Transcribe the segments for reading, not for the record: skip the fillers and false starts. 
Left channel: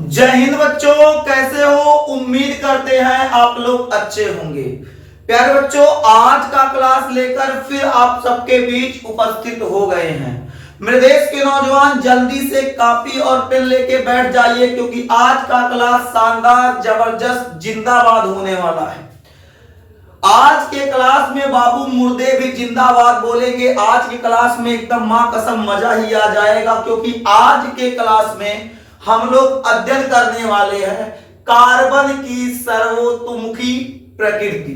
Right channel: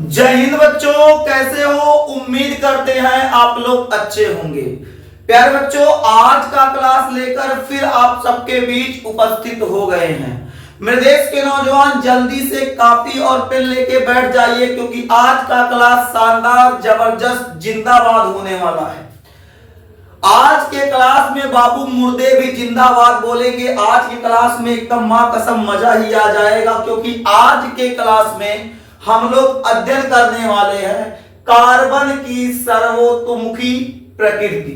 जय हिंद बच्चों, कैसे हो? उम्मीद करते हैं आप लोग अच्छे होंगे। प्यारे बच्चों, आज का क्लास लेकर फिर आप सबके बीच उपस्थित हो गए हैं। मेरे देश के नौजवान जल्दी से कॉपी और पेन लेके बैठ जाइए, क्योंकि आज का क्लास शानदार, जबरदस्त, जिंदाबाद होने वाला है। आज के क्लास में बाबू मुर्दे भी जिंदाबाद बोलेंगे। आज के क्लास में एकदम मां कसम मजा ही आ जाएगा, क्योंकि आज के क्लास में हम लोग अध्ययन करने वाले हैं कार्बन की सर्वतोमुखी प्रकृति।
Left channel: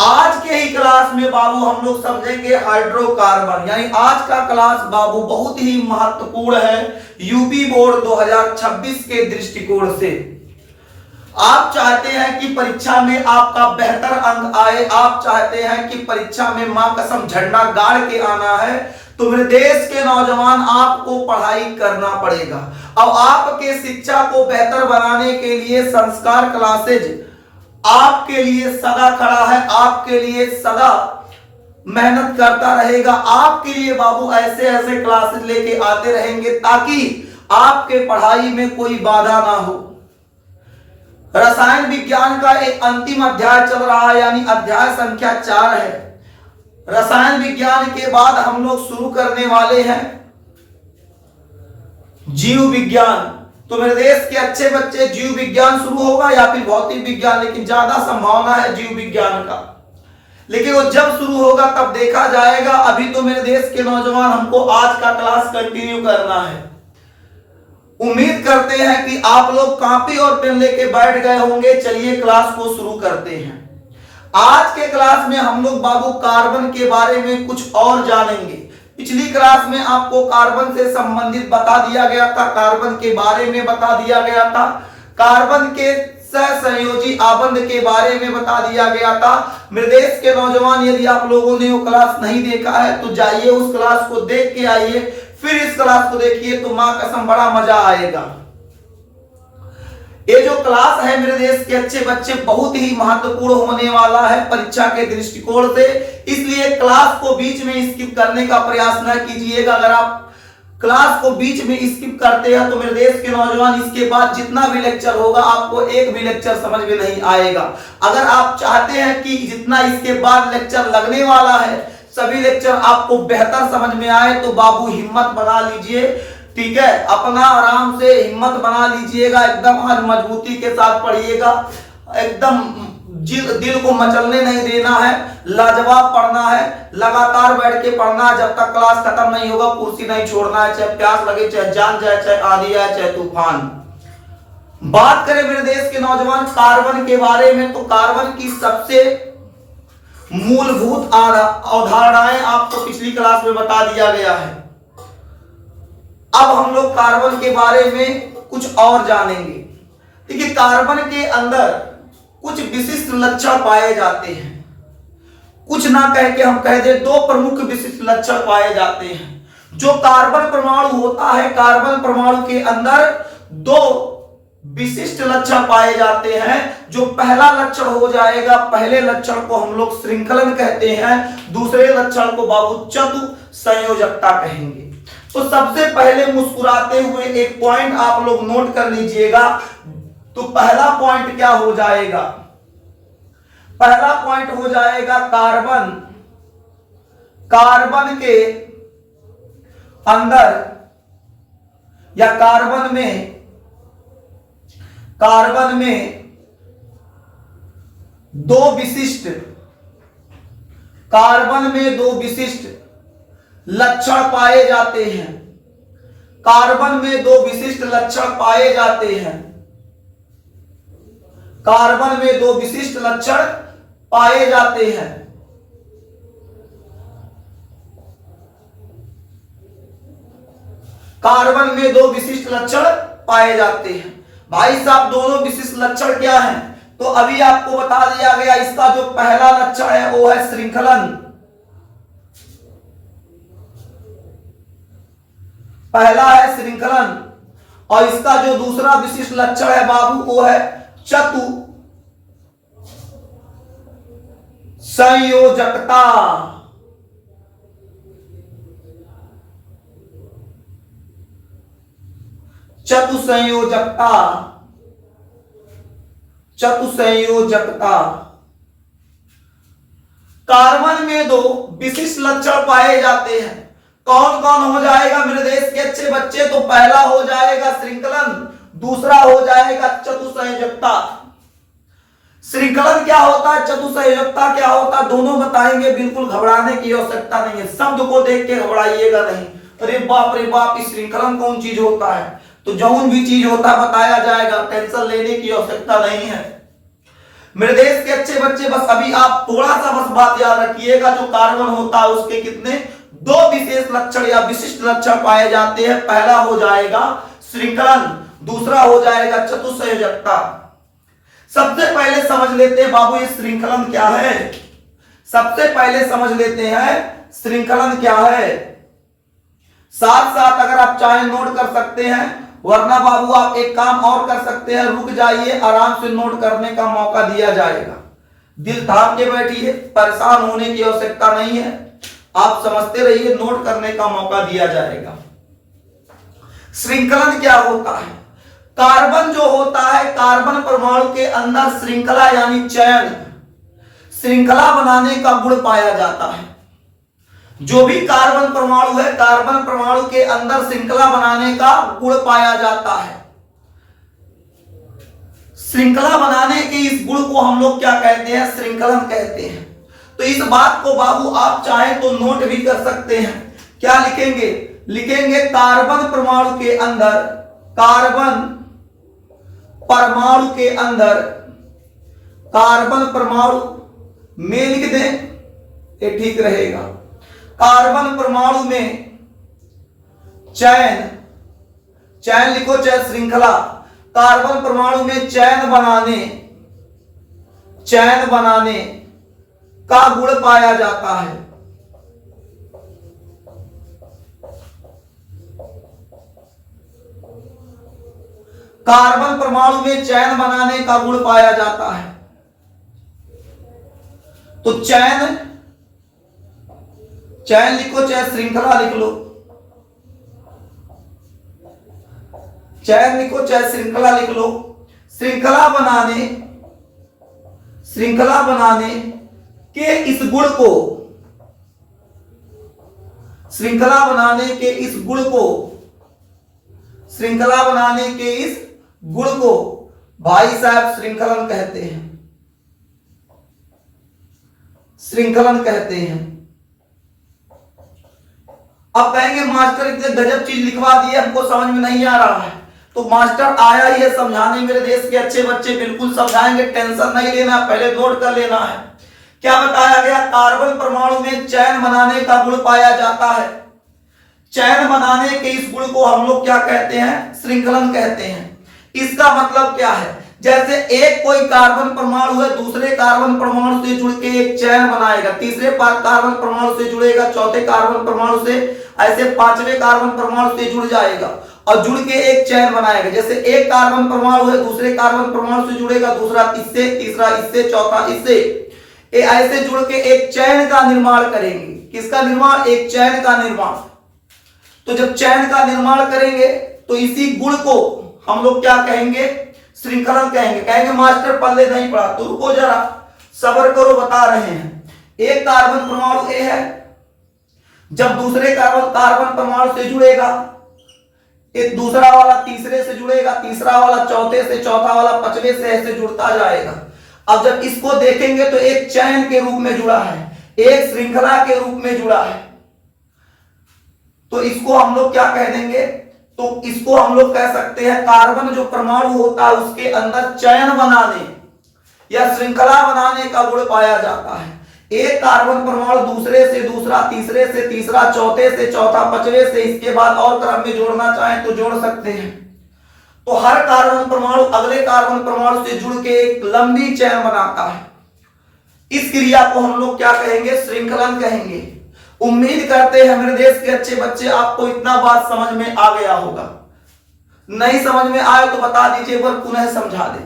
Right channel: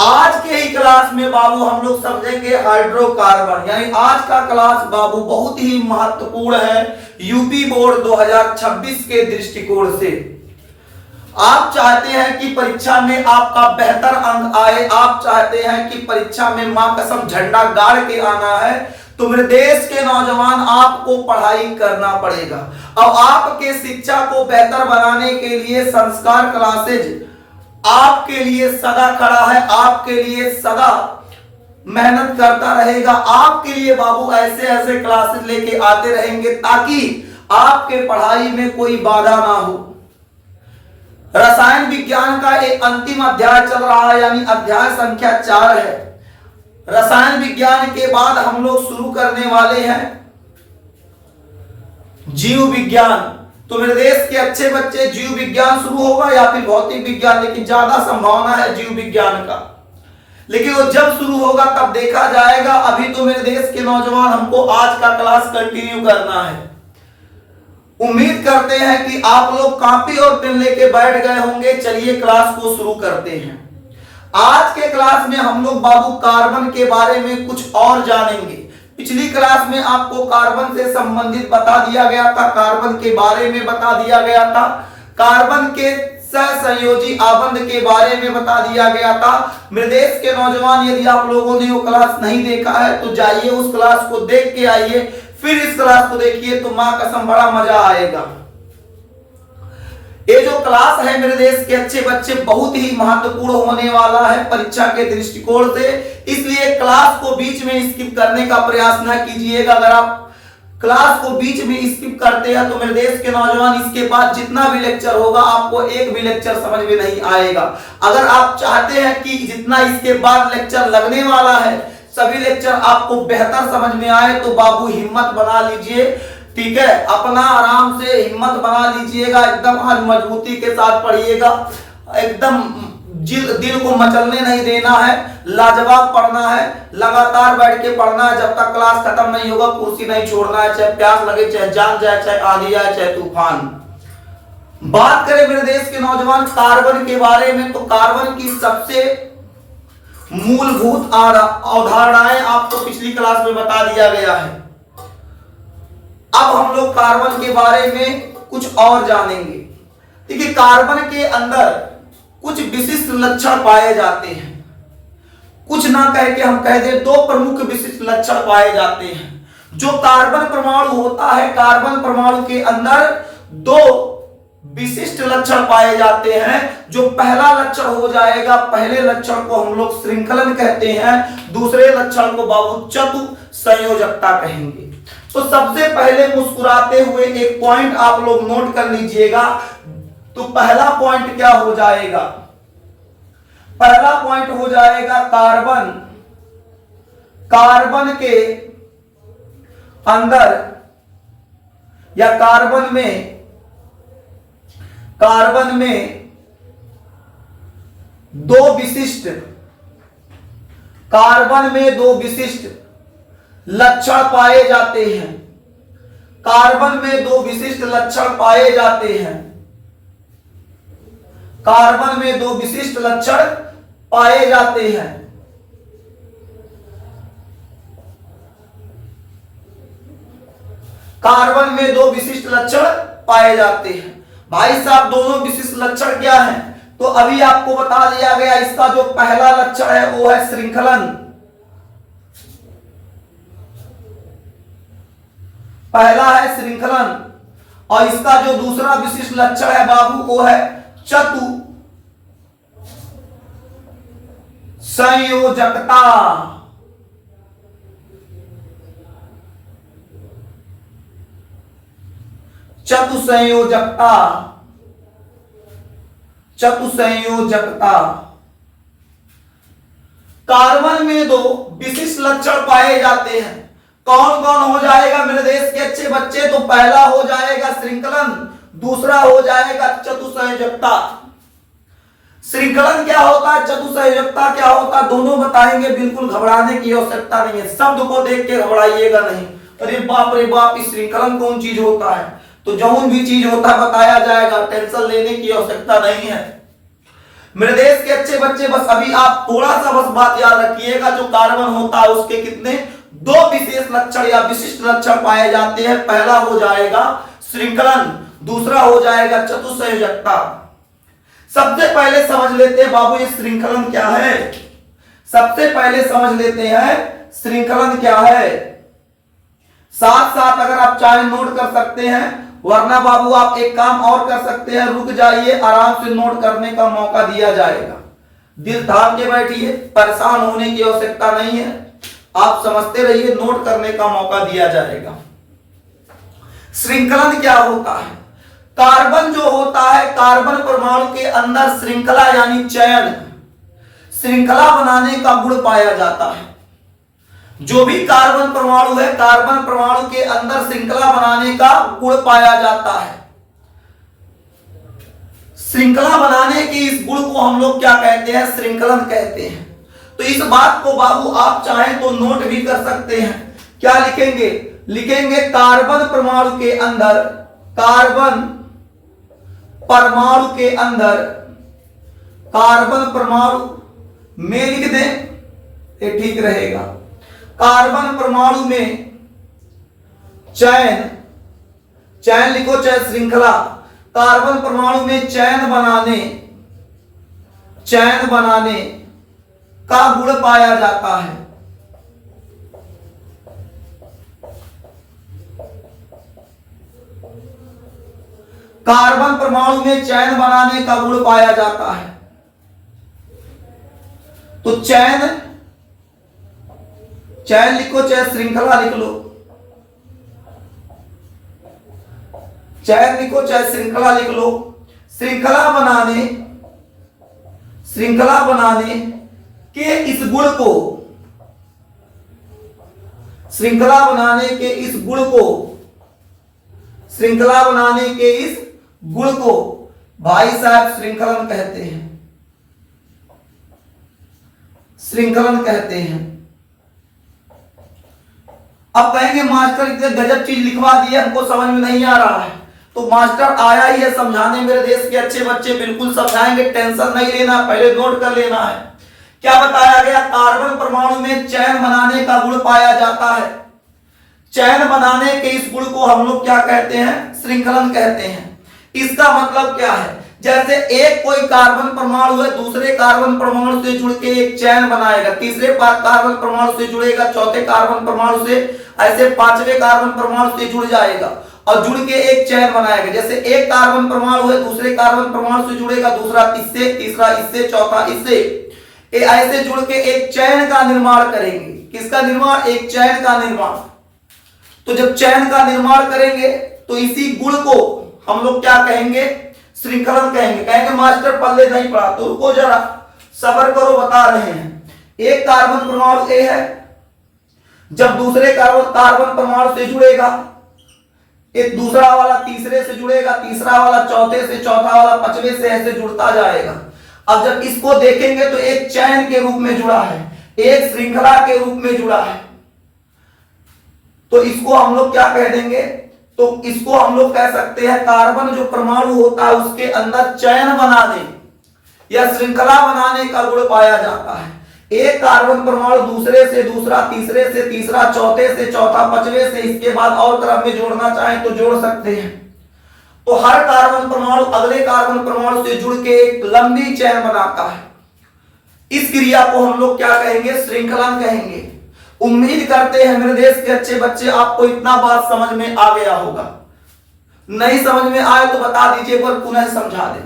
आज के ही क्लास में बाबू हम लोग समझेंगे हाइड्रोकार्बन। यानी आज का क्लास बाबू बहुत ही महत्वपूर्ण है यूपी बोर्ड 2026 के दृष्टिकोण से। आप चाहते हैं कि परीक्षा में आपका बेहतर अंक आए, आप चाहते हैं कि परीक्षा में मां कसम झंडा गाड़ के आना है, तो मेरे देश के नौजवान आपको पढ़ाई करना पड़ेगा। अब आपके शिक्षा को बेहतर बनाने के लिए संस्कार क्लासेज आपके लिए सदा खड़ा है, आपके लिए सदा मेहनत करता रहेगा। आपके लिए बाबू ऐसे ऐसे क्लासेज लेके आते रहेंगे ताकि आपके पढ़ाई में कोई बाधा ना हो। रसायन विज्ञान का एक अंतिम अध्याय चल रहा है, यानी अध्याय संख्या 4 है। रसायन विज्ञान के बाद हम लोग शुरू करने वाले हैं जीव विज्ञान। तो मेरे देश के अच्छे बच्चे, जीव विज्ञान शुरू होगा या फिर भौतिक विज्ञान, लेकिन ज्यादा संभावना है जीव विज्ञान का। लेकिन वो जब शुरू होगा तब देखा जाएगा। अभी तो मेरे देश के नौजवान हमको आज का क्लास कंटिन्यू करना है। उम्मीद करते हैं कि आप लोग कॉपी और पेन लेके बैठ गए होंगे। चलिए क्लास को शुरू करते हैं। आज के क्लास में हम लोग बाबू कार्बन के बारे में कुछ और जानेंगे। पिछली क्लास में आपको कार्बन से संबंधित बता दिया गया था, कार्बन के बारे में बता दिया गया था, कार्बन के सहसंयोजी आबंध के बारे में बता दिया गया था। मेरे देश के नौजवान, यदि आप लोगों ने वो क्लास नहीं देखा है तो जाइए उस क्लास को देख के आइए, फिर इस क्लास को देखिए तो मां कसम बड़ा मजा आएगा। ये जो क्लास है मेरे देश के अच्छे बच्चे बहुत ही महत्वपूर्ण होने वाला है परीक्षा के दृष्टिकोण से, इसलिए क्लास को बीच में स्किप करने का प्रयास न कीजिएगा। अगर आप क्लास को बीच में स्किप करते हैं तो मेरे देश के नौजवान इसके बाद जितना भी लेक्चर होगा आपको एक भी लेक्चर समझ में नहीं आएगा। अगर आप चाहते हैं कि जितना इसके बाद लेक्चर लगने वाला है सभी लेक्चर आपको बेहतर समझ में आए, तो बाबू हिम्मत बना लीजिए, ठीक है? अपना आराम से हिम्मत बना लीजिएगा, एकदम आज मजबूती के साथ पढ़िएगा, एकदम दिल को मचलने नहीं देना है, लाजवाब पढ़ना है, लगातार बैठ के पढ़ना है। जब तक क्लास खत्म नहीं होगा कुर्सी नहीं छोड़ना है, चाहे प्यास लगे, चाहे जान जाए, चाहे आंधी आए, चाहे तूफान। बात करें मेरे देश के नौजवान कार्बन के बारे में, तो कार्बन की सबसे मूलभूत अवधारणाएं आपको पिछली क्लास में बता दिया गया है। अब हम लोग कार्बन के बारे में कुछ और जानेंगे। देखिए, कार्बन के अंदर कुछ विशिष्ट लक्षण पाए जाते हैं। कुछ ना कह के हम कह दें, दो प्रमुख विशिष्ट लक्षण पाए जाते हैं। जो कार्बन परमाणु होता है, कार्बन परमाणु के अंदर दो विशिष्ट लक्षण पाए जाते हैं। जो पहला लक्षण हो जाएगा, पहले लक्षण को हम लोग श्रृंखलन कहते हैं, दूसरे लक्षण को बाबू चतु संयोजकता कहेंगे। तो सबसे पहले मुस्कुराते हुए एक पॉइंट आप लोग नोट कर लीजिएगा। तो पहला पॉइंट क्या हो जाएगा? पहला पॉइंट हो जाएगा कार्बन। कार्बन के अंदर या कार्बन में दो विशिष्ट, कार्बन में दो विशिष्ट लक्षण पाए जाते हैं। कार्बन में दो विशिष्ट लक्षण पाए जाते हैं। कार्बन में दो विशिष्ट लक्षण पाए जाते हैं। कार्बन में दो विशिष्ट लक्षण पाए जाते हैं। भाई साहब, दोनों विशिष्ट लक्षण क्या हैं? तो अभी आपको बता दिया गया। इसका जो पहला लक्षण है वो है श्रृंखलन। पहला है श्रृंखलन, और इसका जो दूसरा विशिष्ट लक्षण है बाबू वो है चतु संयोजकता। चतुसंयोजकता, चतुसंयोजकता। कार्बन में दो विशिष्ट लक्षण पाए जाते हैं। कौन कौन हो जाएगा मेरे देश के अच्छे बच्चे? तो पहला हो जाएगा श्रृंखलन, दूसरा हो जाएगा चतुसंयोजकता। श्रृंखलन क्या होता है, चतुसंयोजकता क्या होता है, दोनों बताएंगे। बिल्कुल घबराने की आवश्यकता नहीं है, शब्द को देख के घबराइएगा नहीं। अरे बाप रे बाप, इस श्रृंखलन कौन चीज होता है? तो जौन भी चीज होता है बताया जाएगा, टेंशन लेने की आवश्यकता नहीं है मेरे देश के अच्छे बच्चे। बस अभी आप थोड़ा सा बस बात याद रखिएगा, जो कार्बन होता है उसके कितने दो विशेष लक्षण या विशिष्ट लक्षण पाए जाते हैं। पहला हो जाएगा श्रृंखलन, दूसरा हो जाएगा चतुसंयोजकता। सबसे पहले समझ लेते हैं बाबू ये श्रृंखलन क्या है। सबसे पहले समझ लेते हैं श्रृंखलन क्या है। साथ साथ अगर आप चाहे नोट कर सकते हैं, वरना बाबू आप एक काम और कर सकते हैं, रुक जाइए, आराम से नोट करने का मौका दिया जाएगा। दिल थाम के बैठिए, परेशान होने की आवश्यकता नहीं है, आप समझते रहिए, नोट करने का मौका दिया जाएगा। श्रृंखलन क्या होता है? कार्बन जो होता है, कार्बन परमाणु के अंदर श्रृंखला यानी चयन, श्रृंखला बनाने का गुण पाया जाता है। जो भी कार्बन परमाणु है, कार्बन परमाणु के अंदर श्रृंखला बनाने का गुण पाया जाता है। श्रृंखला बनाने के इस गुण को हम लोग क्या कहते हैं? श्रृंखलन कहते हैं। तो इस बात को बाबू आप चाहें तो नोट भी कर सकते हैं। क्या लिखेंगे? लिखेंगे कार्बन परमाणु के अंदर, कार्बन परमाणु के अंदर, कार्बन परमाणु में लिख दें, ये ठीक रहेगा। कार्बन परमाणु में चयन, चयन लिखो चाहे श्रृंखला, कार्बन परमाणु में चयन बनाने का गुण पाया जाता है। कार्बन परमाणु में चयन बनाने का गुण पाया जाता है। तो चयन, चयन लिखो चाहे श्रृंखला लिख लो, चयन लिखो चाहे श्रृंखला लिख लो। श्रृंखला बनाने के इस गुण को, श्रृंखला बनाने के इस गुण को, श्रृंखला बनाने के इस गुण को भाई साहब श्रृंखलन कहते हैं, श्रृंखलन कहते हैं। अब कहेंगे मास्टर इतने गजब चीज लिखवा दी, हमको समझ में नहीं आ रहा है। तो मास्टर आया ही है समझाने, मेरे देश के अच्छे बच्चे बिल्कुल समझाएंगे, टेंशन नहीं लेना, पहले नोट कर लेना है। क्या बताया गया? कार्बन परमाणु में चयन बनाने का गुण पाया जाता है। चयन बनाने के इस गुण को हम लोग क्या कहते हैं? श्रृंखलन कहते हैं। इसका मतलब क्या है? जैसे एक कोई कार्बन परमाणु है, दूसरे कार्बन परमाणु से जुड़ के एक चयन बनाएगा, तीसरे कार्बन परमाणु से जुड़ेगा, चौथे कार्बन परमाणु से, ऐसे पांचवें कार्बन परमाणु से जुड़ जाएगा और जुड़ के एक चयन बनाएगा। जैसे एक कार्बन परमाणु है, दूसरे कार्बन परमाणु से जुड़ेगा, दूसरा इससे, तीसरा इससे, चौथा इससे, ऐसे जुड़ के एक चयन का निर्माण करेंगे। किसका निर्माण? एक चयन का निर्माण। तो जब चयन का निर्माण करेंगे तो इसी गुण को हम लोग क्या कहेंगे? श्रृंखलन कहेंगे। कहेंगे मास्टर पल्ले नहीं पड़ा, तो रुको जरा, सब्र करो, बता रहे हैं। एक कार्बन परमाणु ए है, जब दूसरे कार्बन परमाणु से जुड़ेगा, एक दूसरा वाला तीसरे से जुड़ेगा, तीसरा वाला चौथे से, चौथा वाला पांचवें से, ऐसे जुड़ता जाएगा। अब जब इसको देखेंगे तो एक चयन के रूप में जुड़ा है, एक श्रृंखला के रूप में जुड़ा है। तो इसको हम लोग क्या कह देंगे? तो इसको हम लोग कह सकते हैं कार्बन जो परमाणु होता है उसके अंदर चयन बनाने या श्रृंखला बनाने का गुण पाया जाता है। एक कार्बन परमाणु दूसरे से दूसरा, तीसरे से तीसरा, चौथे से चौथा, पांचवें से, इसके बाद और क्रम में जोड़ना चाहें तो जोड़ सकते हैं। तो हर कार्बन परमाणु अगले कार्बन परमाणु से जुड़ के एक लंबी चयन बनाता है। इस क्रिया को हम लोग क्या कहेंगे? श्रृंखलन कहेंगे। उम्मीद करते हैं मेरे देश के अच्छे बच्चे आपको इतना बात समझ में आ गया होगा। नहीं समझ में आए तो बता दीजिए, पर पुनः समझा दे।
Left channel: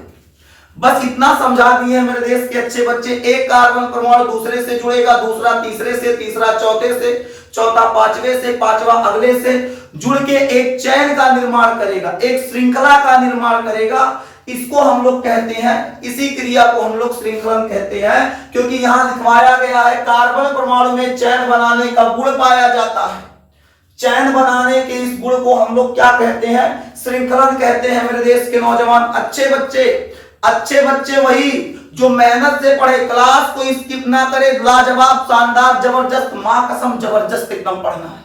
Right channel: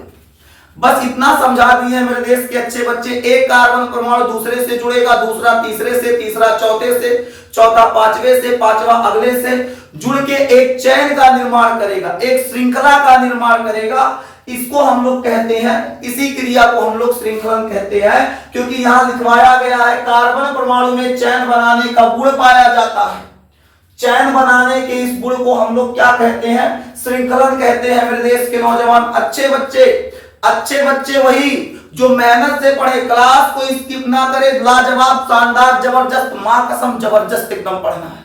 बस इतना समझा दिए मेरे देश के अच्छे बच्चे। एक कार्बन परमाणु दूसरे से जुड़ेगा, दूसरा तीसरे से, तीसरा चौथे से, चौथा पांचवे से, पांचवा अगले से जुड़ के एक चैन का निर्माण करेगा, एक श्रृंखला का निर्माण करेगा। इसको हम लोग कहते हैं, इसी क्रिया को हम लोग श्रृंखलन कहते हैं, क्योंकि यहां लिखवाया गया है कार्बन परमाणु में चैन बनाने का गुण पाया जाता है। चैन बनाने के इस गुण को हम लोग क्या कहते हैं? श्रृंखलन कहते हैं। मेरे देश के नौजवान अच्छे बच्चे वही जो मेहनत से पढ़े, क्लास को स्किप ना करे, लाजवाब, शानदार, जबरदस्त, मां कसम जबरदस्त एकदम पढ़ना है।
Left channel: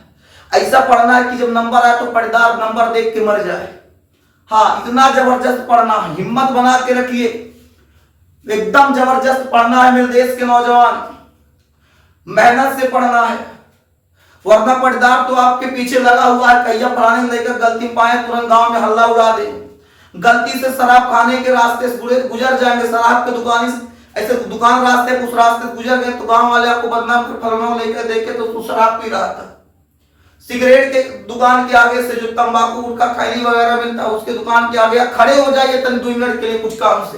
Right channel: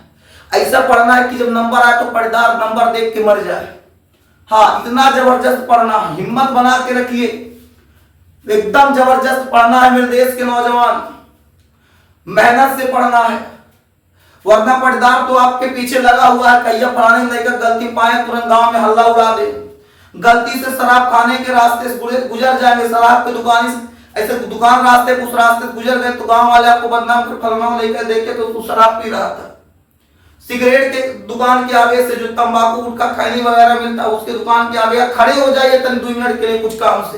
ऐसा पढ़ना है कि जब नंबर आए तो पर्दार नंबर देख के मर जाए। हाँ, इतना जबरदस्त पढ़ना है, हिम्मत बना के रखिए, एकदम जबरदस्त पढ़ना है मेरे देश के नौजवान, मेहनत से पढ़ना है, वरना पर्दार तो आपके पीछे लगा हुआ है। कहिया फलाने लेकर गलती पाए तुरंत गांव में हल्ला उड़ा दे। गलती से शराब खाने के रास्ते से गुजर जाएंगे, शराब के दुकान ऐसे दुकान रास्ते उस रास्ते गुजर गए तो गांव वाले आपको बदनाम कर, फलाना लेकर देखे तो उसको शराब पी रहा था। सिगरेट के दुकान के आगे से जो तंबाकू गुटखा खैनी वगैरह मिलता है उसके दुकान के आगे खड़े हो जाइए तनी 2 मिनट के लिए कुछ काम से।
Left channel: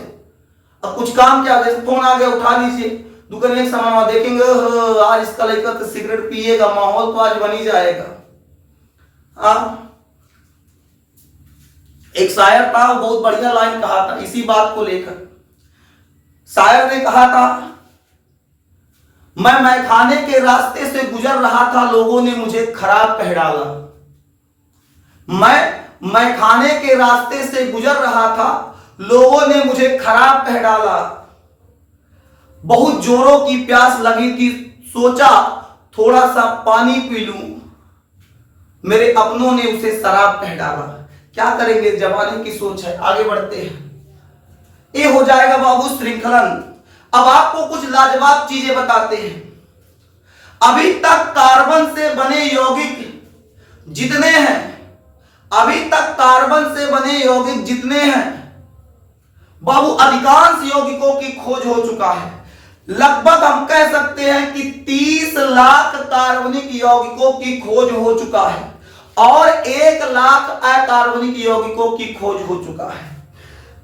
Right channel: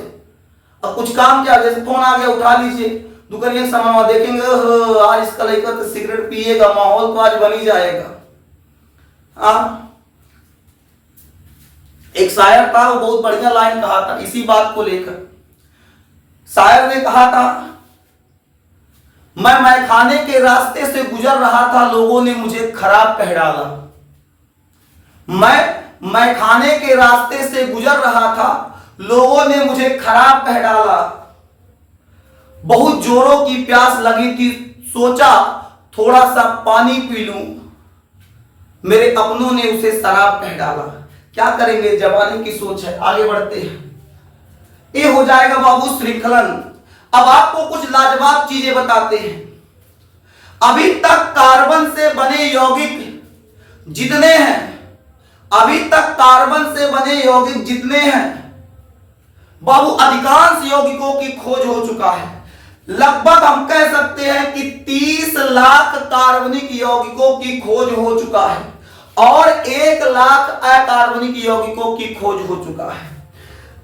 अब कुछ काम के आगे से फोन आ गया, उठा लीजिए, दुकान एक सामान देखेंगे, आज इसका लेकर तो सिगरेट पिएगा, माहौल तो आज बन ही जाएगा। हाँ, एक शायर था, वो बहुत बढ़िया लाइन कहा था इसी बात को लेकर। शायर ने कहा था, मैं खाने के रास्ते से गुजर रहा था, लोगों ने मुझे खराब कह डाला। मैं खाने के रास्ते से गुजर रहा था, लोगों ने मुझे खराब कह डाला। बहुत जोरों की प्यास लगी थी, सोचा थोड़ा सा पानी पी लूं, मेरे अपनों ने उसे शराब कह डाला। क्या करेंगे, जमाने की सोच है, आगे बढ़ते हैं। ये हो जाएगा बाबू श्रृंखलन। अब आपको कुछ लाजवाब चीजें बताते हैं। अभी तक कार्बन से बने यौगिक जितने हैं, अभी तक कार्बन से बने यौगिक जितने हैं बाबू, अधिकांश यौगिकों की खोज हो चुका है। लगभग हम कह सकते हैं कि 30 लाख कार्बनिक यौगिकों की खोज हो चुका है और 1 लाख अकार्बनिक यौगिकों की खोज हो चुका है।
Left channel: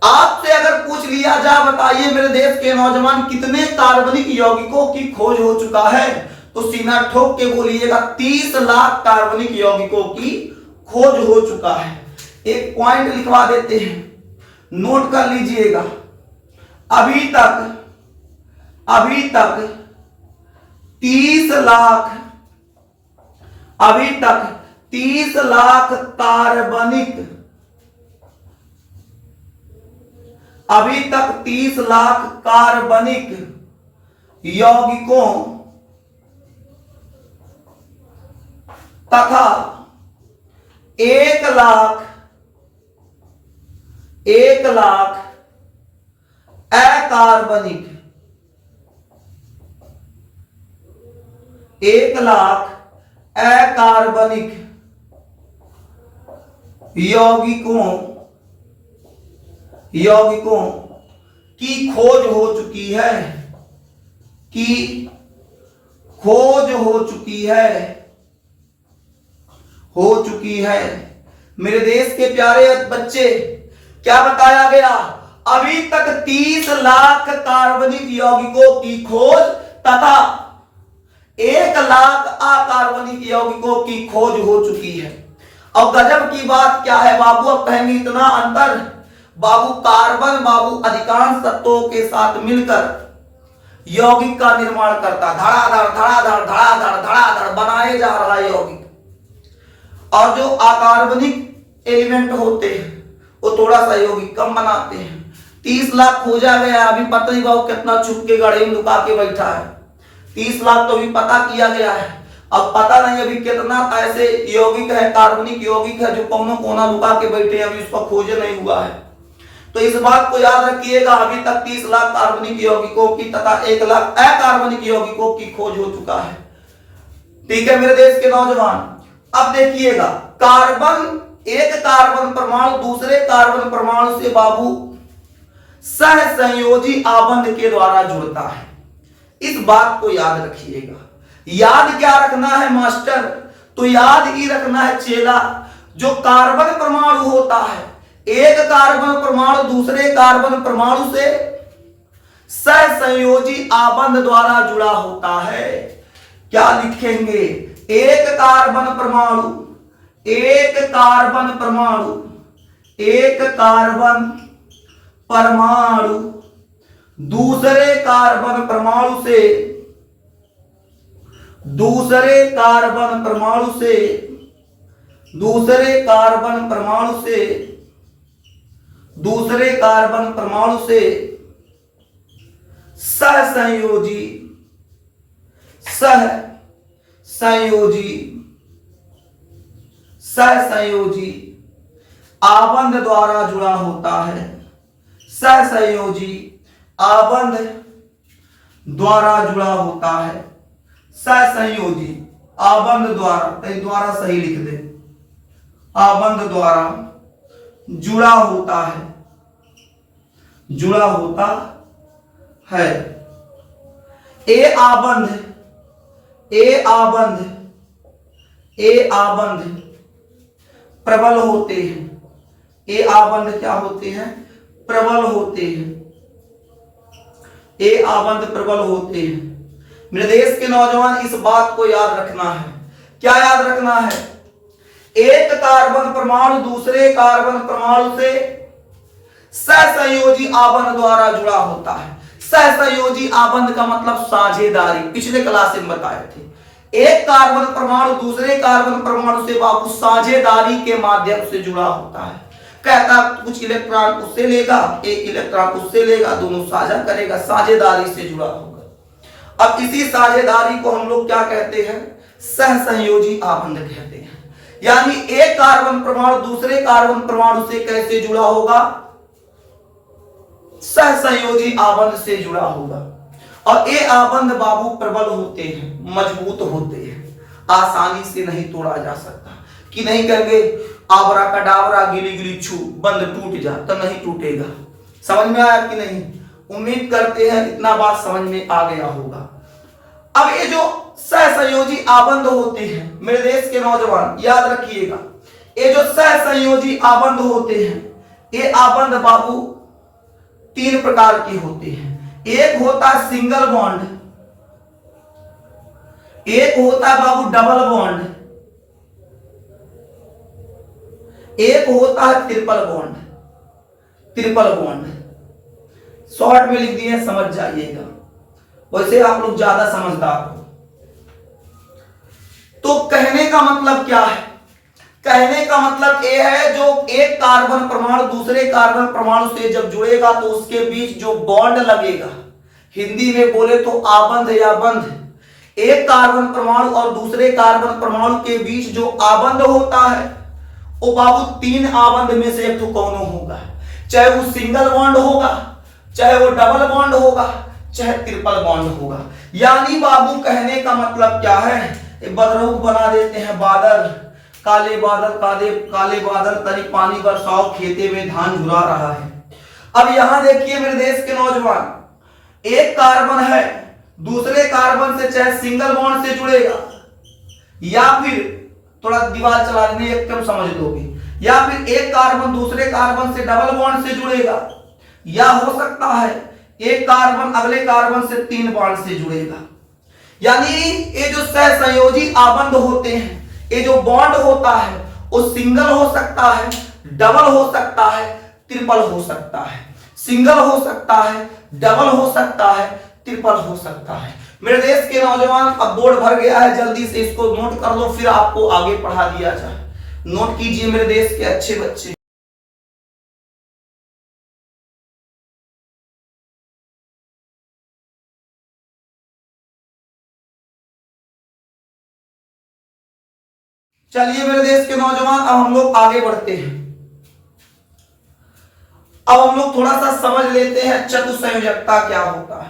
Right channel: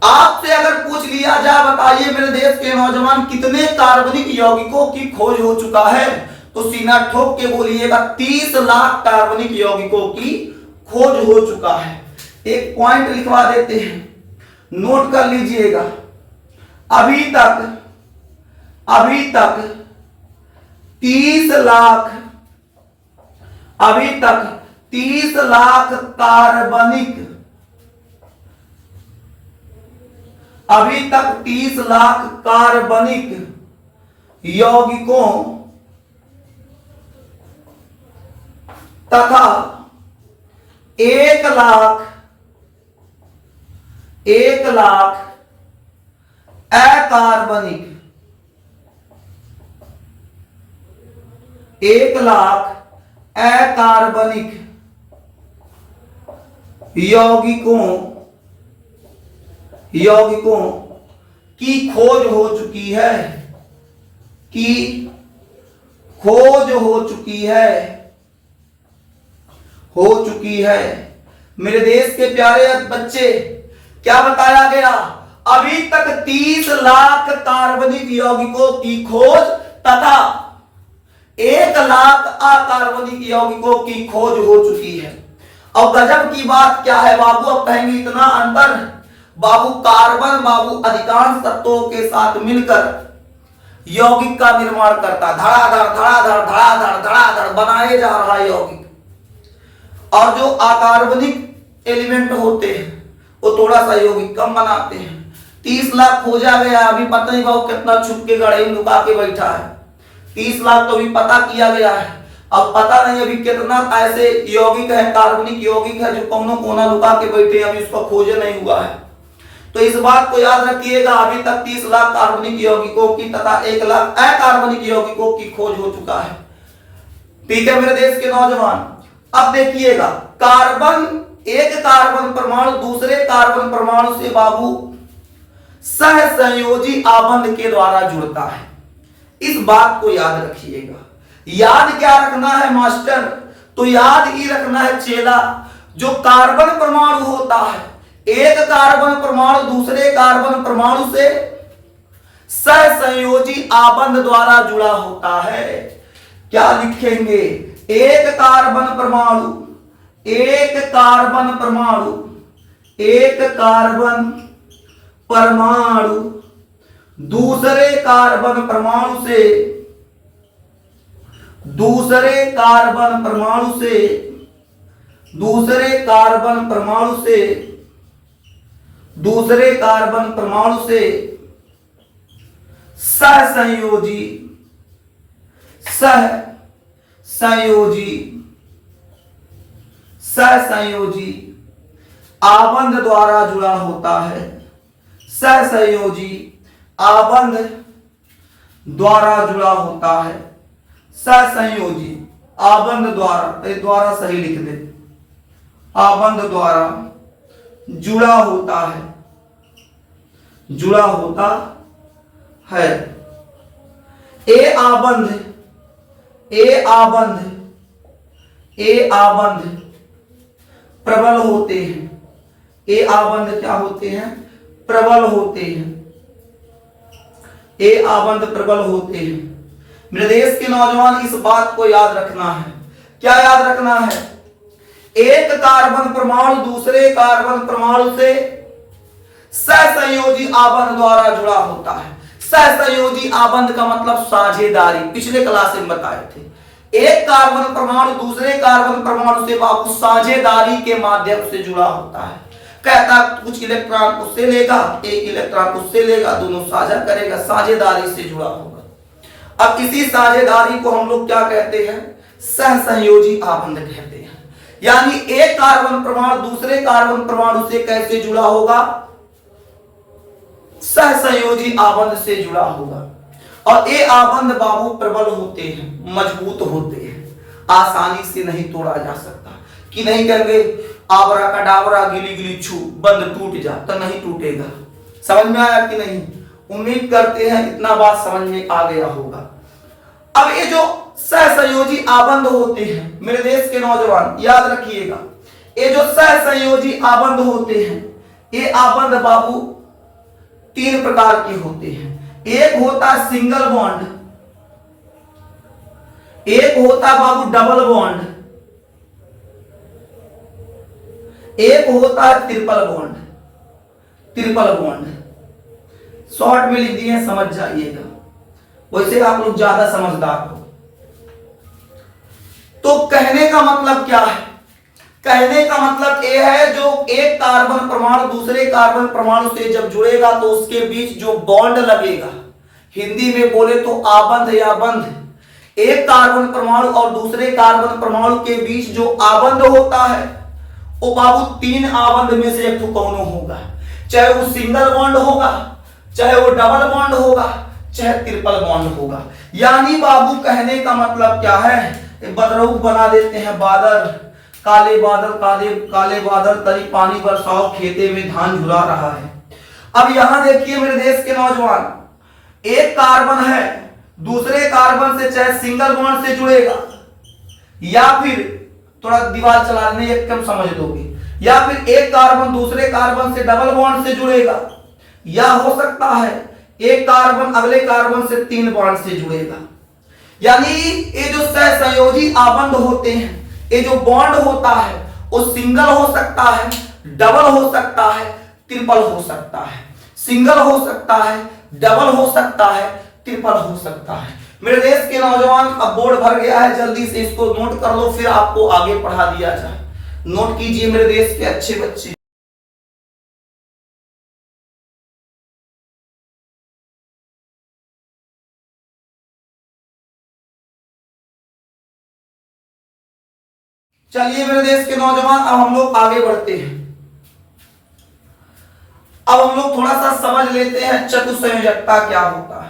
आपसे अगर पूछ लिया जाए, बताइए मेरे देश के नौजवान कितने कार्बनिक यौगिकों की खोज हो चुका है, तो सीना ठोक के बोलिएगा 30 लाख कार्बनिक यौगिकों की खोज हो चुका है। एक पॉइंट लिखवा देते हैं, नोट कर लीजिएगा। अभी तक 30 लाख, अभी तक 30 लाख कार्बनिक, अभी तक 30 लाख कार्बनिक यौगिकों तथा 1 लाख अकार्बनिक, 1 लाख अकार्बनिक यौगिकों की खोज हो चुकी है, की खोज हो चुकी है। मेरे देश के प्यारे बच्चे, क्या बताया गया? अभी तक 30 लाख कार्बनिक यौगिकों की खोज तथा 1 लाख अकार्बनिक यौगिकों की खोज हो चुकी है। अब गजब की बात क्या है बाबू, अब कहेंगे इतना अंतर। बाबू कार्बन बाबू अधिकांश तत्वों के साथ मिलकर यौगिक का निर्माण करता, धड़ाधड़ बनाए जा रहा है यौगिक। और जो अकार्बनिक एलिमेंट होते हैं वो थोड़ा सा यौगिक कम बनाते हैं। 30 लाख खोजा गया, अभी पता नहीं बाबू कितना छुप के गड़े में लुका के बैठा है। 30 लाख तो अभी पता किया गया है, अब पता नहीं अभी कितना ऐसे यौगिक है, कार्बनिक यौगिक है जो कौनो कोना लुका के बैठे हैं, अभी उसका खोज नहीं हुआ है। तो इस बात को याद रखिएगा, अभी तक 30 लाख कार्बनिक यौगिकों की तथा 1 लाख अकार्बनिक यौगिकों की खोज हो चुका है। ठीक है मेरे देश के नौजवान, अब देखिएगा, एक कार्बन परमाणु दूसरे कार्बन परमाणु से बाबू सहसंयोजी आबंध के द्वारा जुड़ता है। इस बात को याद रखिएगा। याद क्या रखना है मास्टर? तो याद ही रखना है चेला, जो कार्बन परमाणु होता है एक कार्बन परमाणु दूसरे कार्बन परमाणु से सहसंयोजी आबंध द्वारा जुड़ा होता है। क्या लिखेंगे? एक कार्बन परमाणु दूसरे कार्बन परमाणु से सहसंयोजी आबंध द्वारा जुड़ा होता है। सहसंयोजी आबंध द्वारा जुड़ा होता है। सहसंयोजी आबंध द्वारा सही लिख दे, आबंध द्वारा जुड़ा होता है। ए आबंध प्रबल होते हैं। ए आबंध क्या होते हैं? प्रबल होते हैं। ए आबंध प्रबल होते हैं। मेरे देश के नौजवान इस बात को याद रखना है। क्या याद रखना है? एक कार्बन परमाणु दूसरे कार्बन परमाणु से सहसंयोजी आबंध द्वारा जुड़ा होता है। सहसंयोजी आबंध का मतलब साझेदारी, पिछले क्लास में बताए थे। एक कार्बन परमाणु दूसरे कार्बन परमाणु से बाबू साझेदारी के माध्यम से जुड़ा होता है। कहता कुछ इलेक्ट्रॉन उससे लेगा, एक इलेक्ट्रॉन उससे लेगा, दोनों साझा करेगा, साझेदारी से जुड़ा होगा। अब इसी साझेदारी को हम लोग क्या कहते हैं? सहसंयोजी आबंध कहते हैं। यानी एक कार्बन परमाणु दूसरे कार्बन परमाणु से कैसे जुड़ा होगा? सहसंयोजी आबंध से जुड़ा होगा। और ये आबंध बाबू प्रबल होते हैं, मजबूत होते हैं, आसानी से नहीं तोड़ा जा सकता। कि नहीं कहेंगे आबरा का डाबरा गिली गिली छू बंद टूट जा, तो नहीं टूटेगा। समझ में आया कि नहीं? उम्मीद करते हैं इतना बात समझ में आ गया होगा। अब ये जो सहसंयोजी आबंध होते हैं मेरे देश के नौजवान याद रखिएगा, ये जो सहसंयोजी आबंध होते हैं, ये आबंध बाबू 3 प्रकार के होते हैं। एक होता है सिंगल बॉन्ड, एक होता बाबू डबल बॉन्ड, एक होता है ट्रिपल बॉन्ड। शॉर्ट में लिख दिए, समझ जाइएगा, वैसे आप लोग ज्यादा समझदार हो। तो कहने का मतलब क्या है? कहने का मतलब यह है जो एक कार्बन परमाणु दूसरे कार्बन परमाणु से जब जुड़ेगा तो उसके बीच जो बॉन्ड लगेगा, हिंदी में बोले तो आबंध या बंध, एक कार्बन परमाणु और दूसरे कार्बन परमाणु के बीच जो आबंध होता है वो बाबू 3 आबंध में से एक तो कौन होगा। चाहे वो सिंगल बॉन्ड होगा, चाहे वो डबल बॉन्ड होगा, चाहे ट्रिपल बॉन्ड होगा। यानी बाबू कहने का मतलब क्या है? बदरऊ बना देते हैं बादल, काले बादल तनी पानी बरसाओ, खेते में धान झुरा रहा है। अब यहां देखिए मेरे देश के नौजवान, एक कार्बन है दूसरे कार्बन से चाहे सिंगल बॉन्ड से जुड़ेगा, या फिर थोड़ा दीवार चला लेने एकदम समझ लोगे, या फिर एक कार्बन दूसरे कार्बन से डबल बॉन्ड से जुड़ेगा, या हो सकता है एक कार्बन अगले कार्बन से 3 बॉन्ड से जुड़ेगा। यानी ये जो सहसंयोजी आबंध होते हैं, ये जो बॉन्ड होता है वो सिंगल हो सकता है, डबल हो सकता है, ट्रिपल हो सकता है। सिंगल हो सकता है, डबल हो सकता है, ट्रिपल हो सकता है। मेरे देश के नौजवान अब बोर्ड भर गया है, जल्दी से इसको नोट कर लो, फिर आपको आगे पढ़ा दिया जाए। नोट कीजिए मेरे देश के अच्छे बच्चे। चलिए मेरे देश के नौजवान अब हम लोग आगे बढ़ते हैं। अब हम लोग थोड़ा सा समझ लेते हैं चतुसंयोजकता क्या होता है।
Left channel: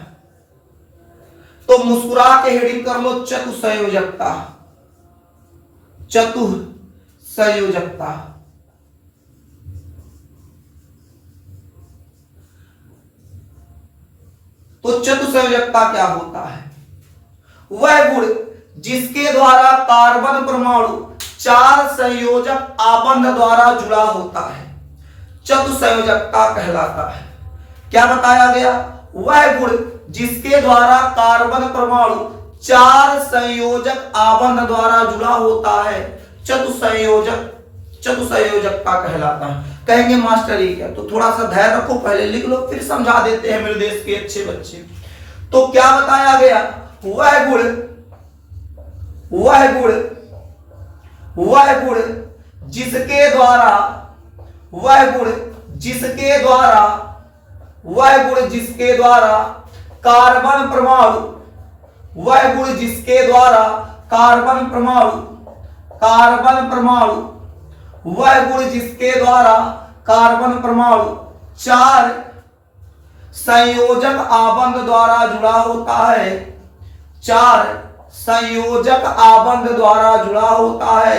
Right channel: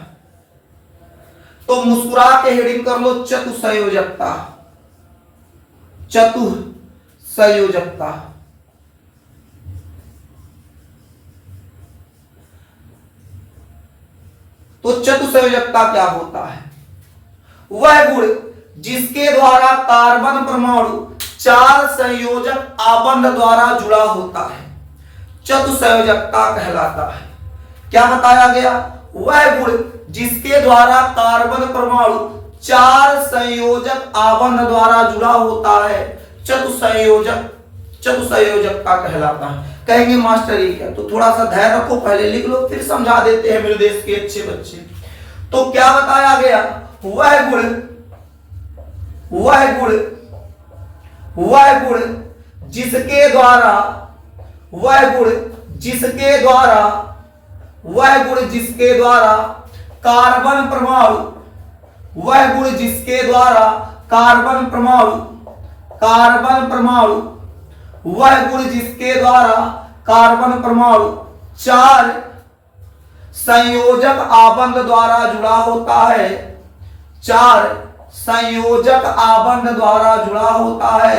तो मुस्कुरा के हेडिंग कर लो चतुसंयोजकता। चतुसंयोजकता तो चतुसंयोजकता क्या होता है? वह गुण जिसके द्वारा कार्बन परमाणु 4 संयोजक आबंध द्वारा जुड़ा होता है। चतुसंयोजकता कहलाता है। क्या बताया गया? वह गुण जिसके द्वारा कार्बन परमाणु 4 संयोजक आबंध द्वारा जुड़ा होता है चतुसंयोजकता कहलाता है। कहेंगे मास्टर ये क्या? तो थोड़ा सा धैर्य रखो, पहले लिख लो फिर समझा देते हैं मेरे देश के अच्छे बच्चे। तो क्या बताया गया? वह गुण जिसके द्वारा कार्बन परमाणु वह गुण जिसके द्वारा कार्बन परमाणु 4 संयोजक आबंध द्वारा जुड़ा होता है 4 संयोजक आबंध द्वारा जुड़ा होता है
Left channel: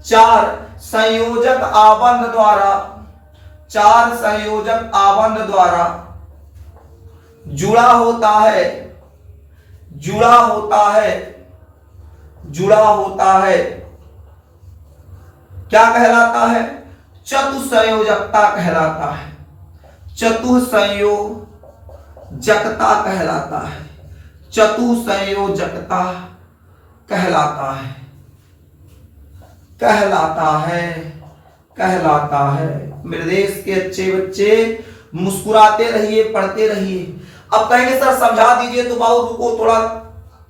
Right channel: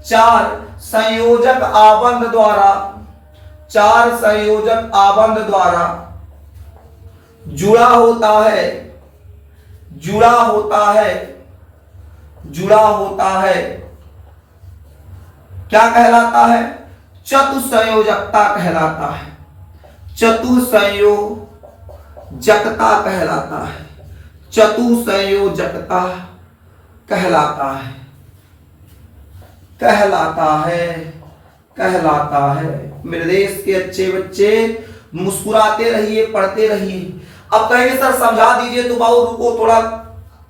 4 संयोजक आबंध द्वारा जुड़ा होता है क्या कहलाता है? चतुसंयोजकता कहलाता है। चतुसंयोजकता कहलाता है। मेरे देश के अच्छे बच्चे मुस्कुराते रहिए, पढ़ते रहिए। अब कहेंगे सर समझा दीजिए, तो बाबू रुको थोड़ा,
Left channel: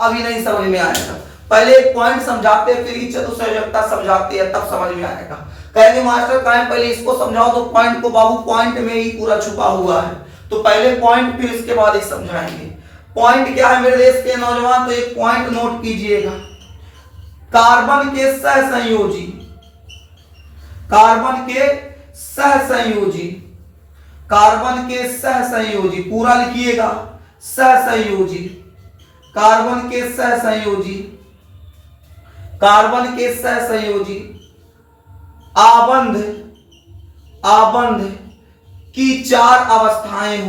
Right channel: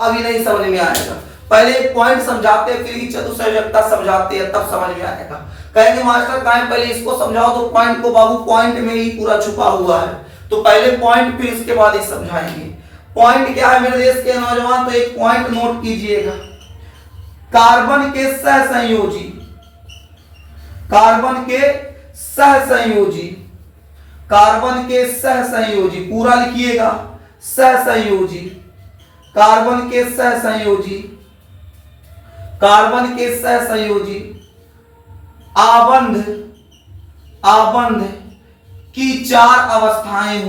अभी नहीं समझ में आएगा, पहले एक पॉइंट समझाते फिर ही चतुसंयोजकता समझाते हैं, तब समझ में आएगा। कहेंगे मास्टर कहें पहले इसको समझाओ, तो पॉइंट को बाबू पॉइंट में ही पूरा छुपा हुआ है, तो पहले पॉइंट फिर इसके बाद ही समझाएंगे। पॉइंट क्या है मेरे देश के नौजवान? तो एक पॉइंट नोट कीजिएगा। कार्बन के सहसंयोजी पूरा लिखिएगा, कार्बन के सहसंयोजी आबंध की 4 अवस्थाएं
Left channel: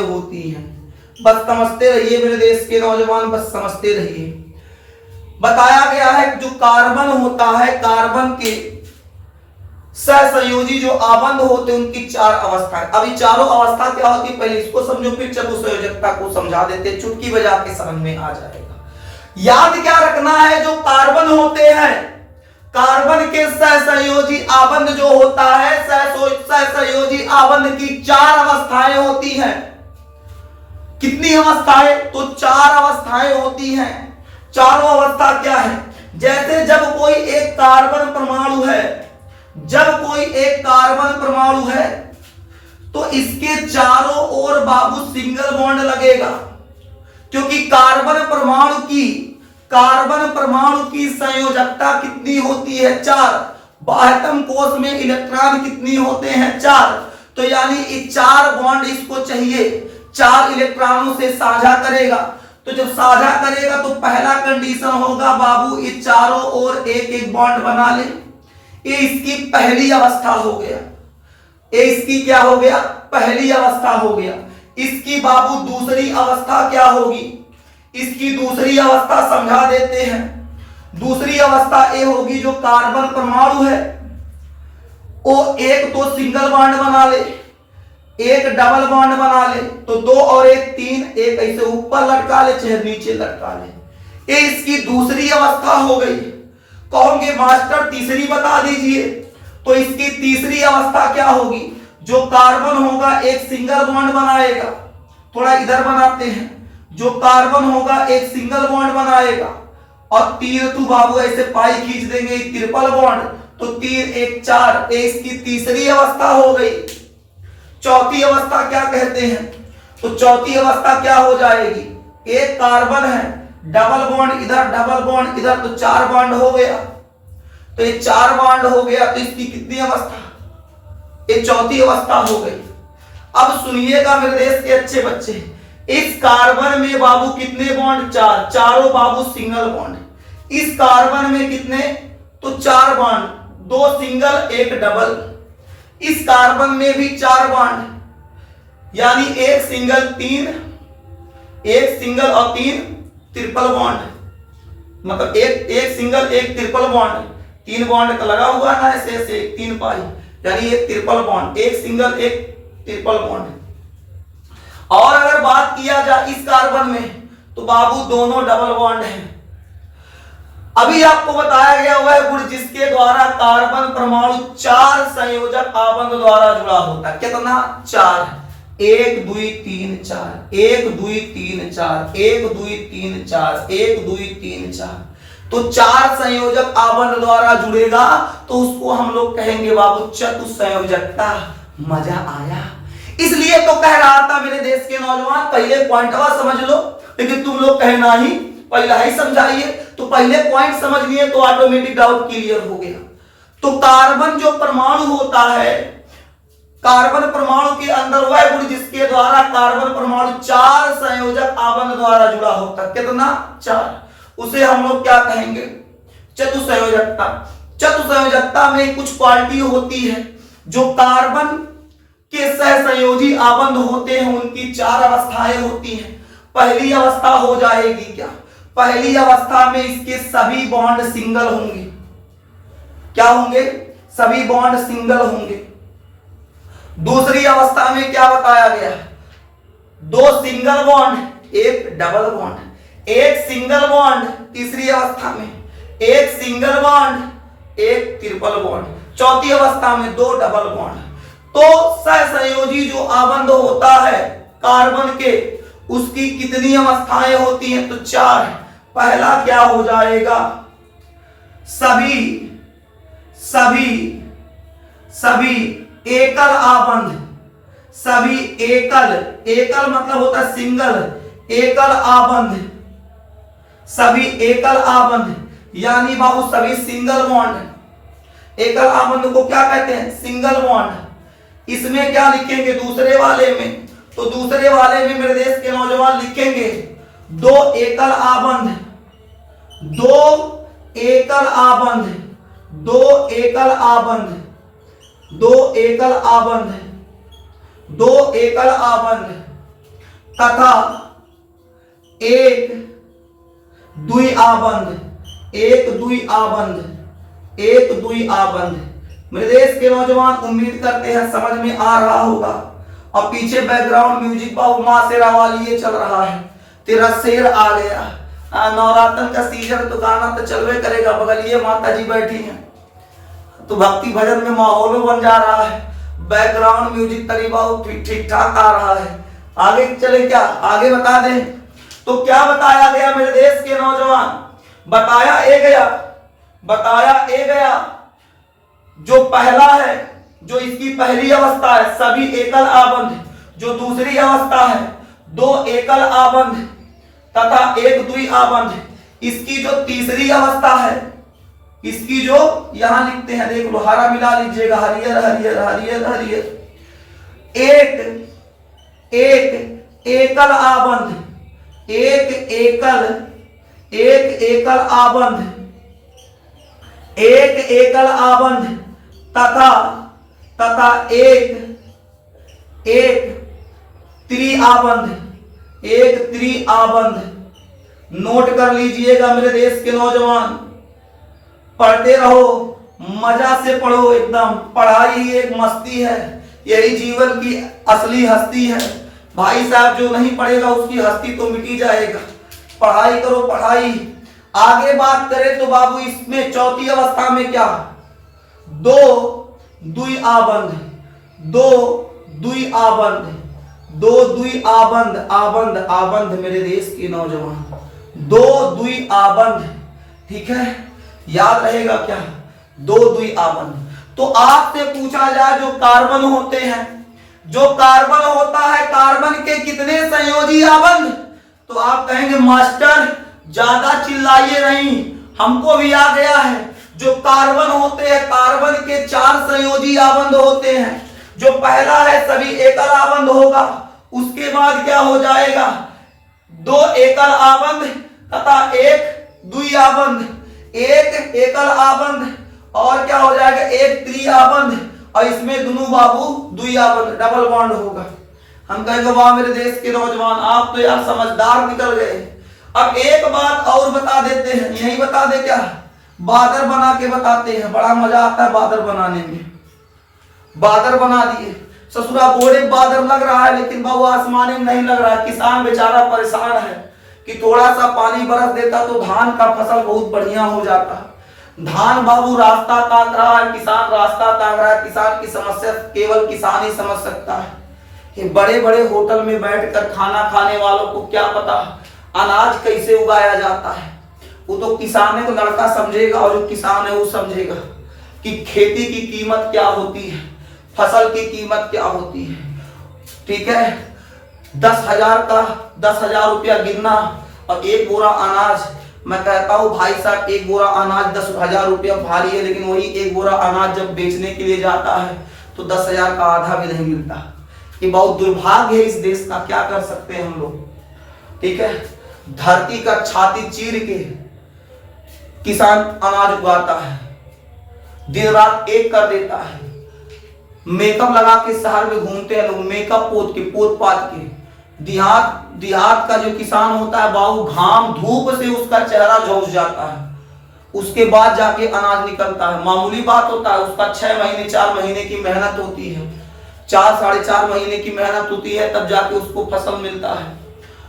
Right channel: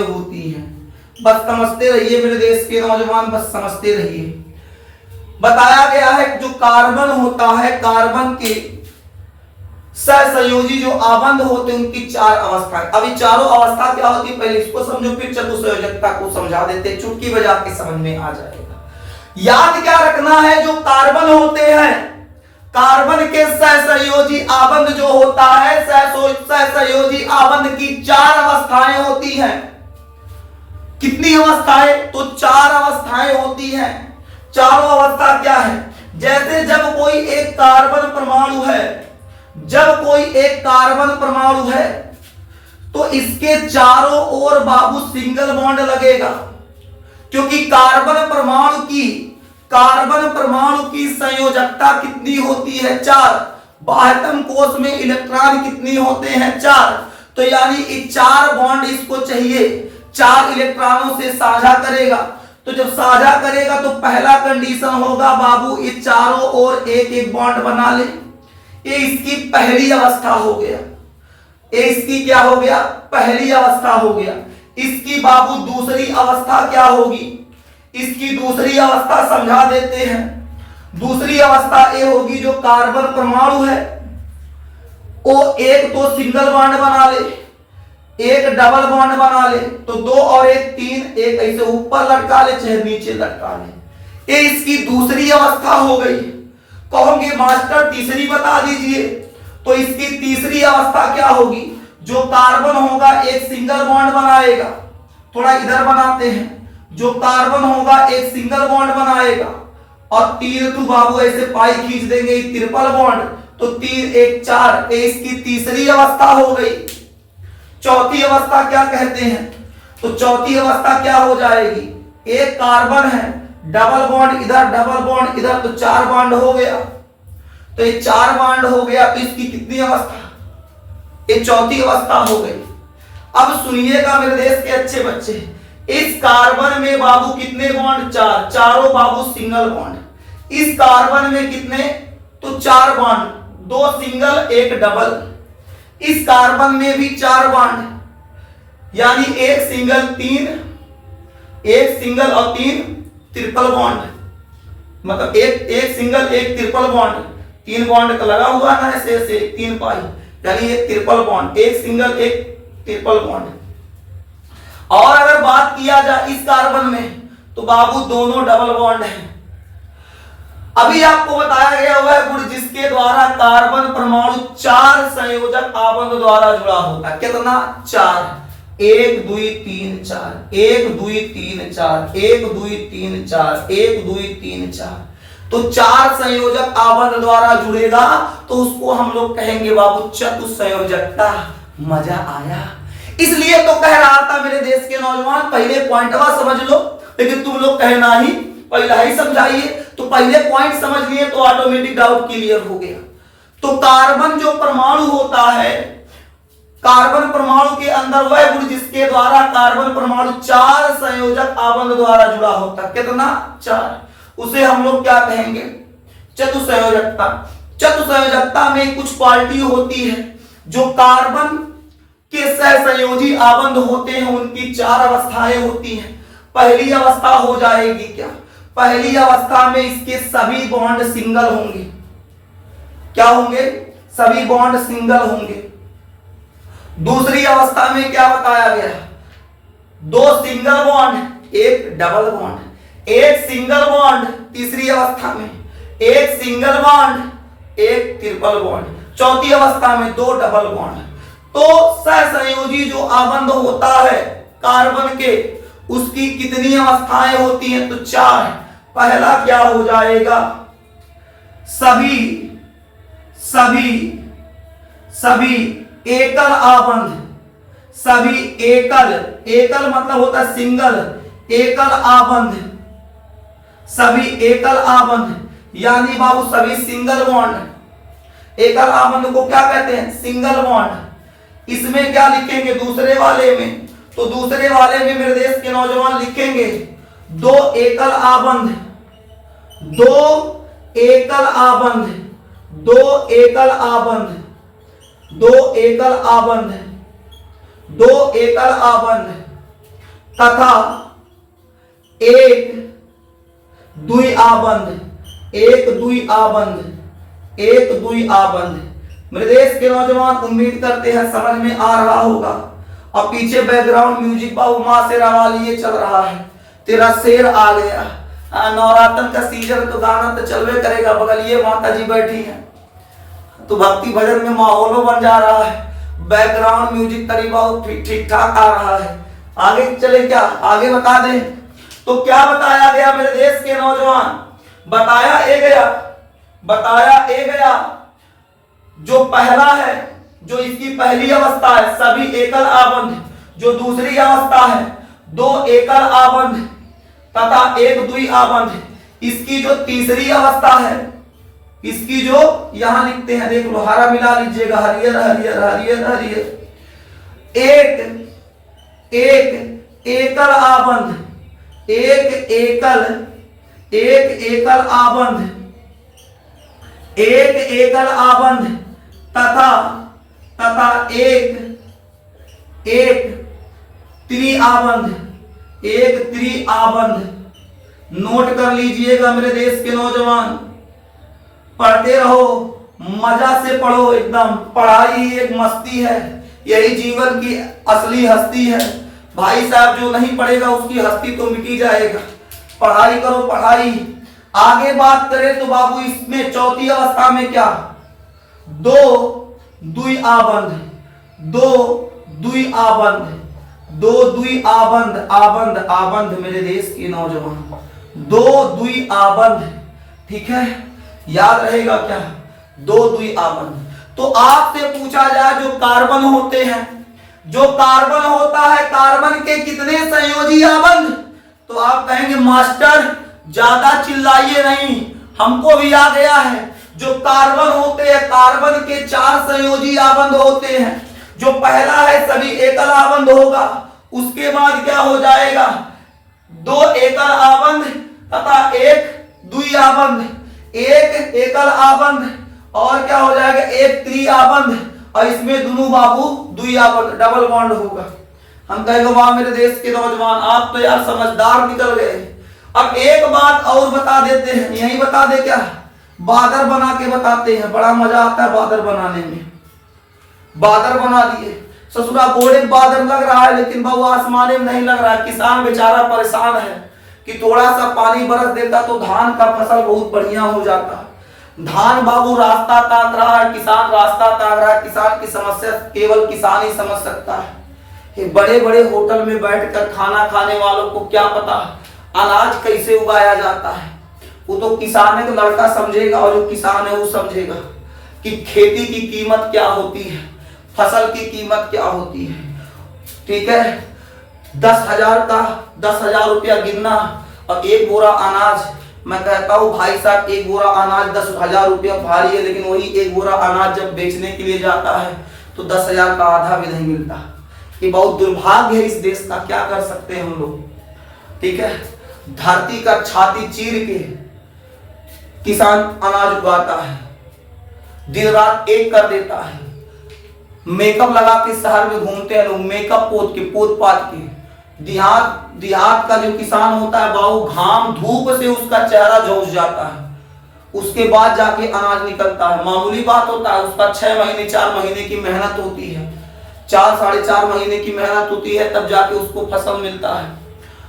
होती हैं। बस समझते रहिए मेरे देश के नौजवान, बस समझते रहिए। बताया गया है कि जो कार्बन होता है, कार्बन के सहसंयोजी जो आबंध होते हैं उनकी 4 अवस्थाएं। अभी चारों अवस्था क्या होती है पहले इसको समझो, फिर चतुसंयोजकता को समझा देते, चुटकी बजा के समझ में आ जाएगा। याद क्या रखना है? जो कार्बन होते हैं, कार्बन के सहसंयोजी आबंध जो होता है, सहसंयोजी आबंध की 4 अवस्थाएं होती हैं। कितनी अवस्थाएं? तो 4 अवस्थाएं होती हैं। चारों अवस्था क्या है? जैसे जब कोई एक कार्बन परमाणु है तो इसके चारों ओर बाबू सिंगल बॉन्ड लगेगा, क्योंकि कार्बन परमाणु की संयोजकता कितनी होती है? 4। बाह्यतम कोश में इलेक्ट्रॉन कितनी होते हैं? 4। तो यानी 4 बॉन्ड इसको चाहिए, 4 इलेक्ट्रॉनों से साझा करेगा। तो जब साझा करेगा तो पहला कंडीशन होगा बाबू ये चारों ओर एक एक बॉन्ड बना ले, ये इसकी पहली अवस्था हो गया। ये इसकी क्या हो गया? पहली अवस्था हो गया। इसकी बाबू दूसरी अवस्था क्या होगी? इसकी दूसरी अवस्था समझा देते हैं। दूसरी अवस्था ये होगी जो कार्बन परमाणु है वो एक तो सिंगल बॉन्ड बना ले, एक डबल बॉन्ड बना ले, तो 2 और 1 3, एक ऐसे ऊपर लटका ले चाहे नीचे लटका ले। ये इसकी दूसरी अवस्था हो गई। कहोगे मास्टर तीसरी बता दीजिए, तो इसकी तीसरी अवस्था क्या होगी? जो कार्बन होगा एक सिंगल बॉन्ड बनाएगा, थोड़ा इधर बनाते हैं, जो कार्बन होगा एक सिंगल बॉन्ड बनाएगा और 3 तो बाबू ऐसे पाई खींच देंगे ट्रिपल बॉन्ड, तो 3 1 4, इसकी तीसरी अवस्था हो गई। चौथी अवस्था क्या कहते हैं? तो चौथी अवस्था क्या हो जाएगी? एक कार्बन है, डबल बॉन्ड इधर, डबल बॉन्ड इधर, तो 4 बॉन्ड हो गया। तो ये 4 बॉन्ड हो गया, तो इसकी कितनी अवस्था? ये चौथी अवस्था हो गई। अब सुनिएगा मेरे देश के अच्छे बच्चे, इस कार्बन में बाबू कितने बॉन्ड? 4, चारों बाबू सिंगल बॉन्ड। इस कार्बन में कितने? तो 4 बॉन्ड, 2 सिंगल 1 डबल। इस कार्बन में भी 4 बॉन्ड, यानी एक सिंगल 3, एक सिंगल और 3 ट्रिपल बॉन्ड, मतलब एक सिंगल एक ट्रिपल बॉन्ड, 3 बॉन्ड का लगा हुआ ना ऐसे ऐसे 3 पाई, यानी ये ट्रिपल बॉन्ड, एक सिंगल एक ट्रिपल बॉन्ड। और अगर बात किया जाए इस कार्बन में तो बाबू दोनों डबल बॉन्ड है। अभी आपको बताया गया हुआ है गुण जिसके द्वारा कार्बन परमाणु 4 संयोजक आबंध द्वारा जुड़ा होता है। कितना? 4, 1 2 3 4, 1 2 3 4, 1 2 3 4, 1 2 3 4, तो 4 संयोजक आबंध द्वारा जुड़ेगा तो उसको हम लोग कहेंगे बाबू चतुसंयोजकता। मजा आया? इसलिए तो कह रहा था मेरे देश के नौजवान पहले पॉइंटवा समझ लो, लेकिन तुम लोग कहना ही पहला ही समझाइए, तो पहले पॉइंट समझ लिए तो ऑटोमेटिक डाउट क्लियर हो गया। तो कार्बन जो परमाणु होता है, कार्बन परमाणु के अंदर वह गुण जिसके द्वारा कार्बन परमाणु 4 संयोजक आबंध द्वारा जुड़ा होता है। कितना? 4। उसे हम लोग क्या कहेंगे? चतुसंयोजकता। चतुसंयोजकता में कुछ क्वालिटी होती है जो कार्बन के सहसंयोजी आबंध होते हैं, उनकी 4 अवस्थाएं होती हैं। पहली अवस्था हो जाएगी क्या? पहली अवस्था में इसके सभी बॉन्ड सिंगल होंगे। क्या होंगे? सभी बॉन्ड सिंगल होंगे। दूसरी अवस्था में क्या बताया गया? 2 single bond, 1 double bond, 1 single bond. तीसरी अवस्था में 1 सिंगल बॉन्ड, 1 ट्रिपल बॉन्ड। चौथी अवस्था में 2 डबल बॉन्ड। तो सहसंयोजी जो आबंध होता है कार्बन के, उसकी कितनी अवस्थाएं होती हैं? तो 4। पहला क्या हो जाएगा? सभी एकल आबंध, सभी एकल मतलब होता है सिंगल, एकल आबंध, सभी एकल आबंध, यानी बाबू सभी सिंगल बॉन्ड। एकल आबंध को क्या कहते हैं? Single bond. इसमें क्या लिखेंगे दूसरे वाले में? तो दूसरे वाले में मेरे देश के नौजवान लिखेंगे 2 एकल आबंध, 2 एकल आबंध, 2 एकल आबंध, 2 एकल आबंध, 2 एकल आबंध तथा 1 द्वि आबंध, 1 द्वि आबंध, 1 द्वि आबंध। मेरे देश के नौजवान उम्मीद करते हैं समझ में आ रहा होगा। और पीछे बैकग्राउंड म्यूजिक बाबू माँ शेरा वाली ये चल रहा है, तेरा शेर आ गया। नवरात्र का सीजन तो गाना तो चलवे करेगा, बगल ये माता जी बैठी हैं तो भक्ति भजन में माहौल बन जा रहा है। बैकग्राउंड म्यूजिक करीब ठीक ठाक आ रहा है। आगे चले क्या? आगे बता दें तो क्या बताया गया मेरे देश के नौजवान? बताया गया जो पहला है, जो इसकी पहली अवस्था है सभी एकल आबंध, जो दूसरी अवस्था है 2 एकल आबंध तथा 1 द्वि आबंध, इसकी जो तीसरी अवस्था है, इसकी जो यहां लिखते हैं देख लो, हरा मिला लीजिएगा, हरियर हरियर हरियर हरियर, एक एकल आबंध, एक एकल आबंध, एक एकल आबंध तथा एक त्रिआबंध, एक त्रिआबंध। नोट कर लीजिएगा मेरे देश के नौजवान, पढ़ते रहो, मजा से पढ़ो, एकदम पढ़ाई एक मस्ती है, यही जीवन की असली हस्ती है। भाई साहब जो नहीं पढ़ेगा उसकी हस्ती तो मिटी जाएगा। पढ़ाई करो पढ़ाई। आगे बात करें तो बाबू इसमें चौथी अवस्था में क्या? 2 द्वि आबंध, 2 द्वि आबंध, 2 द्वि आबंध, आबंध आबंध मेरे देश के नौजवान, 2 द्वि आबंध। ठीक है, याद रहेगा क्या? 2 द्वि आबंध। तो आपसे पूछा जाए जो कार्बन होते हैं, जो कार्बन होता है, कार्बन के कितने संयोजी आबंध? तो आप कहेंगे मास्टर ज्यादा चिल्लाइए नहीं, हमको भी आ गया है। जो कार्बन होते हैं, कार्बन के 4 संयोजी आबंध होते हैं। जो पहला है सभी एकल आबंध होगा, उसके बाद क्या हो जाएगा? 2 एकल आबंध तथा 1 द्वि आबंध, 1 एकल आबंध और क्या हो जाएगा? 1 त्रि आबंध, और इसमें दोनों बाबू द्वि आबंध, डबल बॉन्ड होगा। हम कहेंगे वाह मेरे देश के नौजवान, आप तो यार समझदार निकल गए। अब एक बात और बता देते हैं, यही बता दे क्या, बादर बना के बताते हैं, बड़ा मजा आता है बादर बनाने में। बादर बना दिए, ससुरा बोले बादर लग रहा है लेकिन बाबू आसमाने में नहीं लग रहा है। किसान बेचारा परेशान है कि थोड़ा सा पानी बरस देता तो धान का फसल बहुत बढ़िया हो जाता। धान बाबू रास्ता ताक रहा है, किसान रास्ता ताक रहा है। किसान की समस्या केवल किसान ही समझ सकता है। ये बड़े बड़े होटल में बैठकर खाना खाने वालों को क्या पता अनाज कैसे उगाया जाता है। वो तो किसान है, लड़का समझेगा और जो किसान है वो समझेगा कि खेती की कीमत क्या होती है, फसल की कीमत क्या होती है। ठीक है, 10,000 का 10,000 रुपया गिनना और एक बोरा अनाज, मैं कहता हूँ भाई साहब एक बोरा अनाज 10,000 रुपया भारी है, लेकिन वही एक बोरा अनाज जब बेचने के लिए जाता है तो 10,000 का आधा भी नहीं मिलता। ये बहुत दुर्भाग्य है इस देश का, क्या कर सकते हैं हम लोग। ठीक है, धरती का छाती चीर के किसान अनाज उगाता है, दिन रात एक कर देता है। मेकअप लगा के शहर में घूमते हैं लोग, मेकअप पोत पात के। देहात का जो किसान होता है बाबू, घाम धूप से उसका चेहरा झुलस जाता है, उसके बाद जाके अनाज निकलता है। मामूली बात होता है, उसका 6 महीने 4 महीने की मेहनत होती है, 4 साढ़े 4 महीने की मेहनत होती है, तब जाके उसको फसल मिलता है।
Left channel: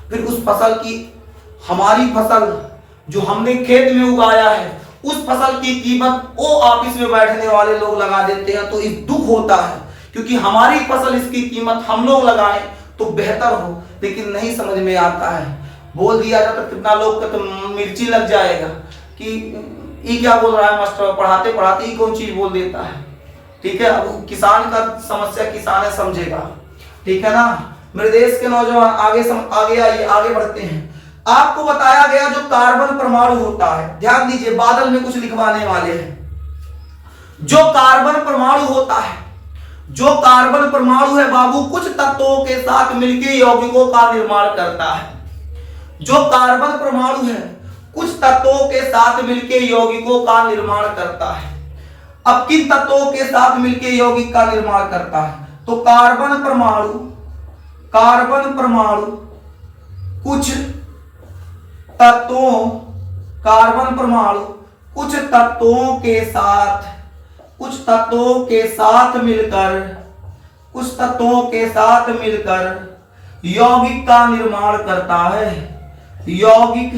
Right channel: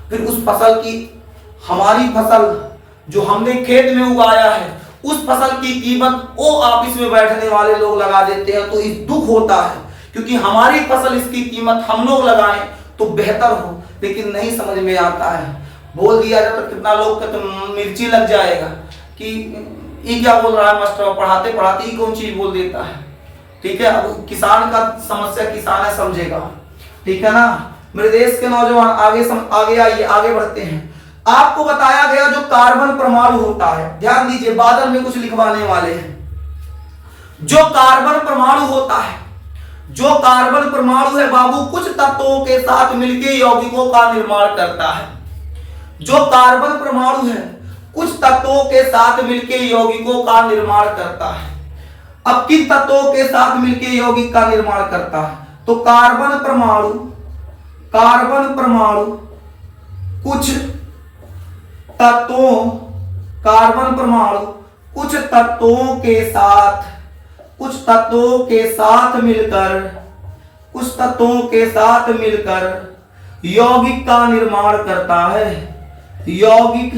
फिर उस फसल की, हमारी फसल जो हमने खेत में उगाया है, उस फसल की कीमत वो ऑफिस में बैठने वाले लोग लगा देते हैं। तो इस दुख होता है क्योंकि हमारी फसल, इसकी कीमत हम लोग लगाएं तो बेहतर हो, लेकिन नहीं समझ में आता है। बोल दिया जाता तो कितना लोग का तो मिर्ची लग जाएगा कि ये क्या बोल रहा है मास्टर, पढ़ाते पढ़ाते ही कौन चीज बोल देता है। ठीक है, अब किसान का समस्या किसान है समझेगा। ठीक है ना मेरे देश के नौजवान, आगे आइए, आगे बढ़ते हैं। आपको बताया गया जो कार्बन परमाणु होता है, ध्यान दीजिए, बादल में कुछ लिखवाने वाले हैं। जो कार्बन परमाणु होता है, जो कार्बन परमाणु है बाबू, कुछ तत्वों के साथ मिलकर यौगिकों का निर्माण करता है। जो कार्बन परमाणु है कुछ तत्वों के साथ मिलकर यौगिकों का निर्माण करता है। अब किन तत्वों के साथ मिलकर यौगिक का निर्माण करता है, तो कार्बन परमाणु कुछ तत्वों, कार्बन परमाणु कुछ तत्वों के साथ मिलकर यौगिक का निर्माण करता है। यौगिक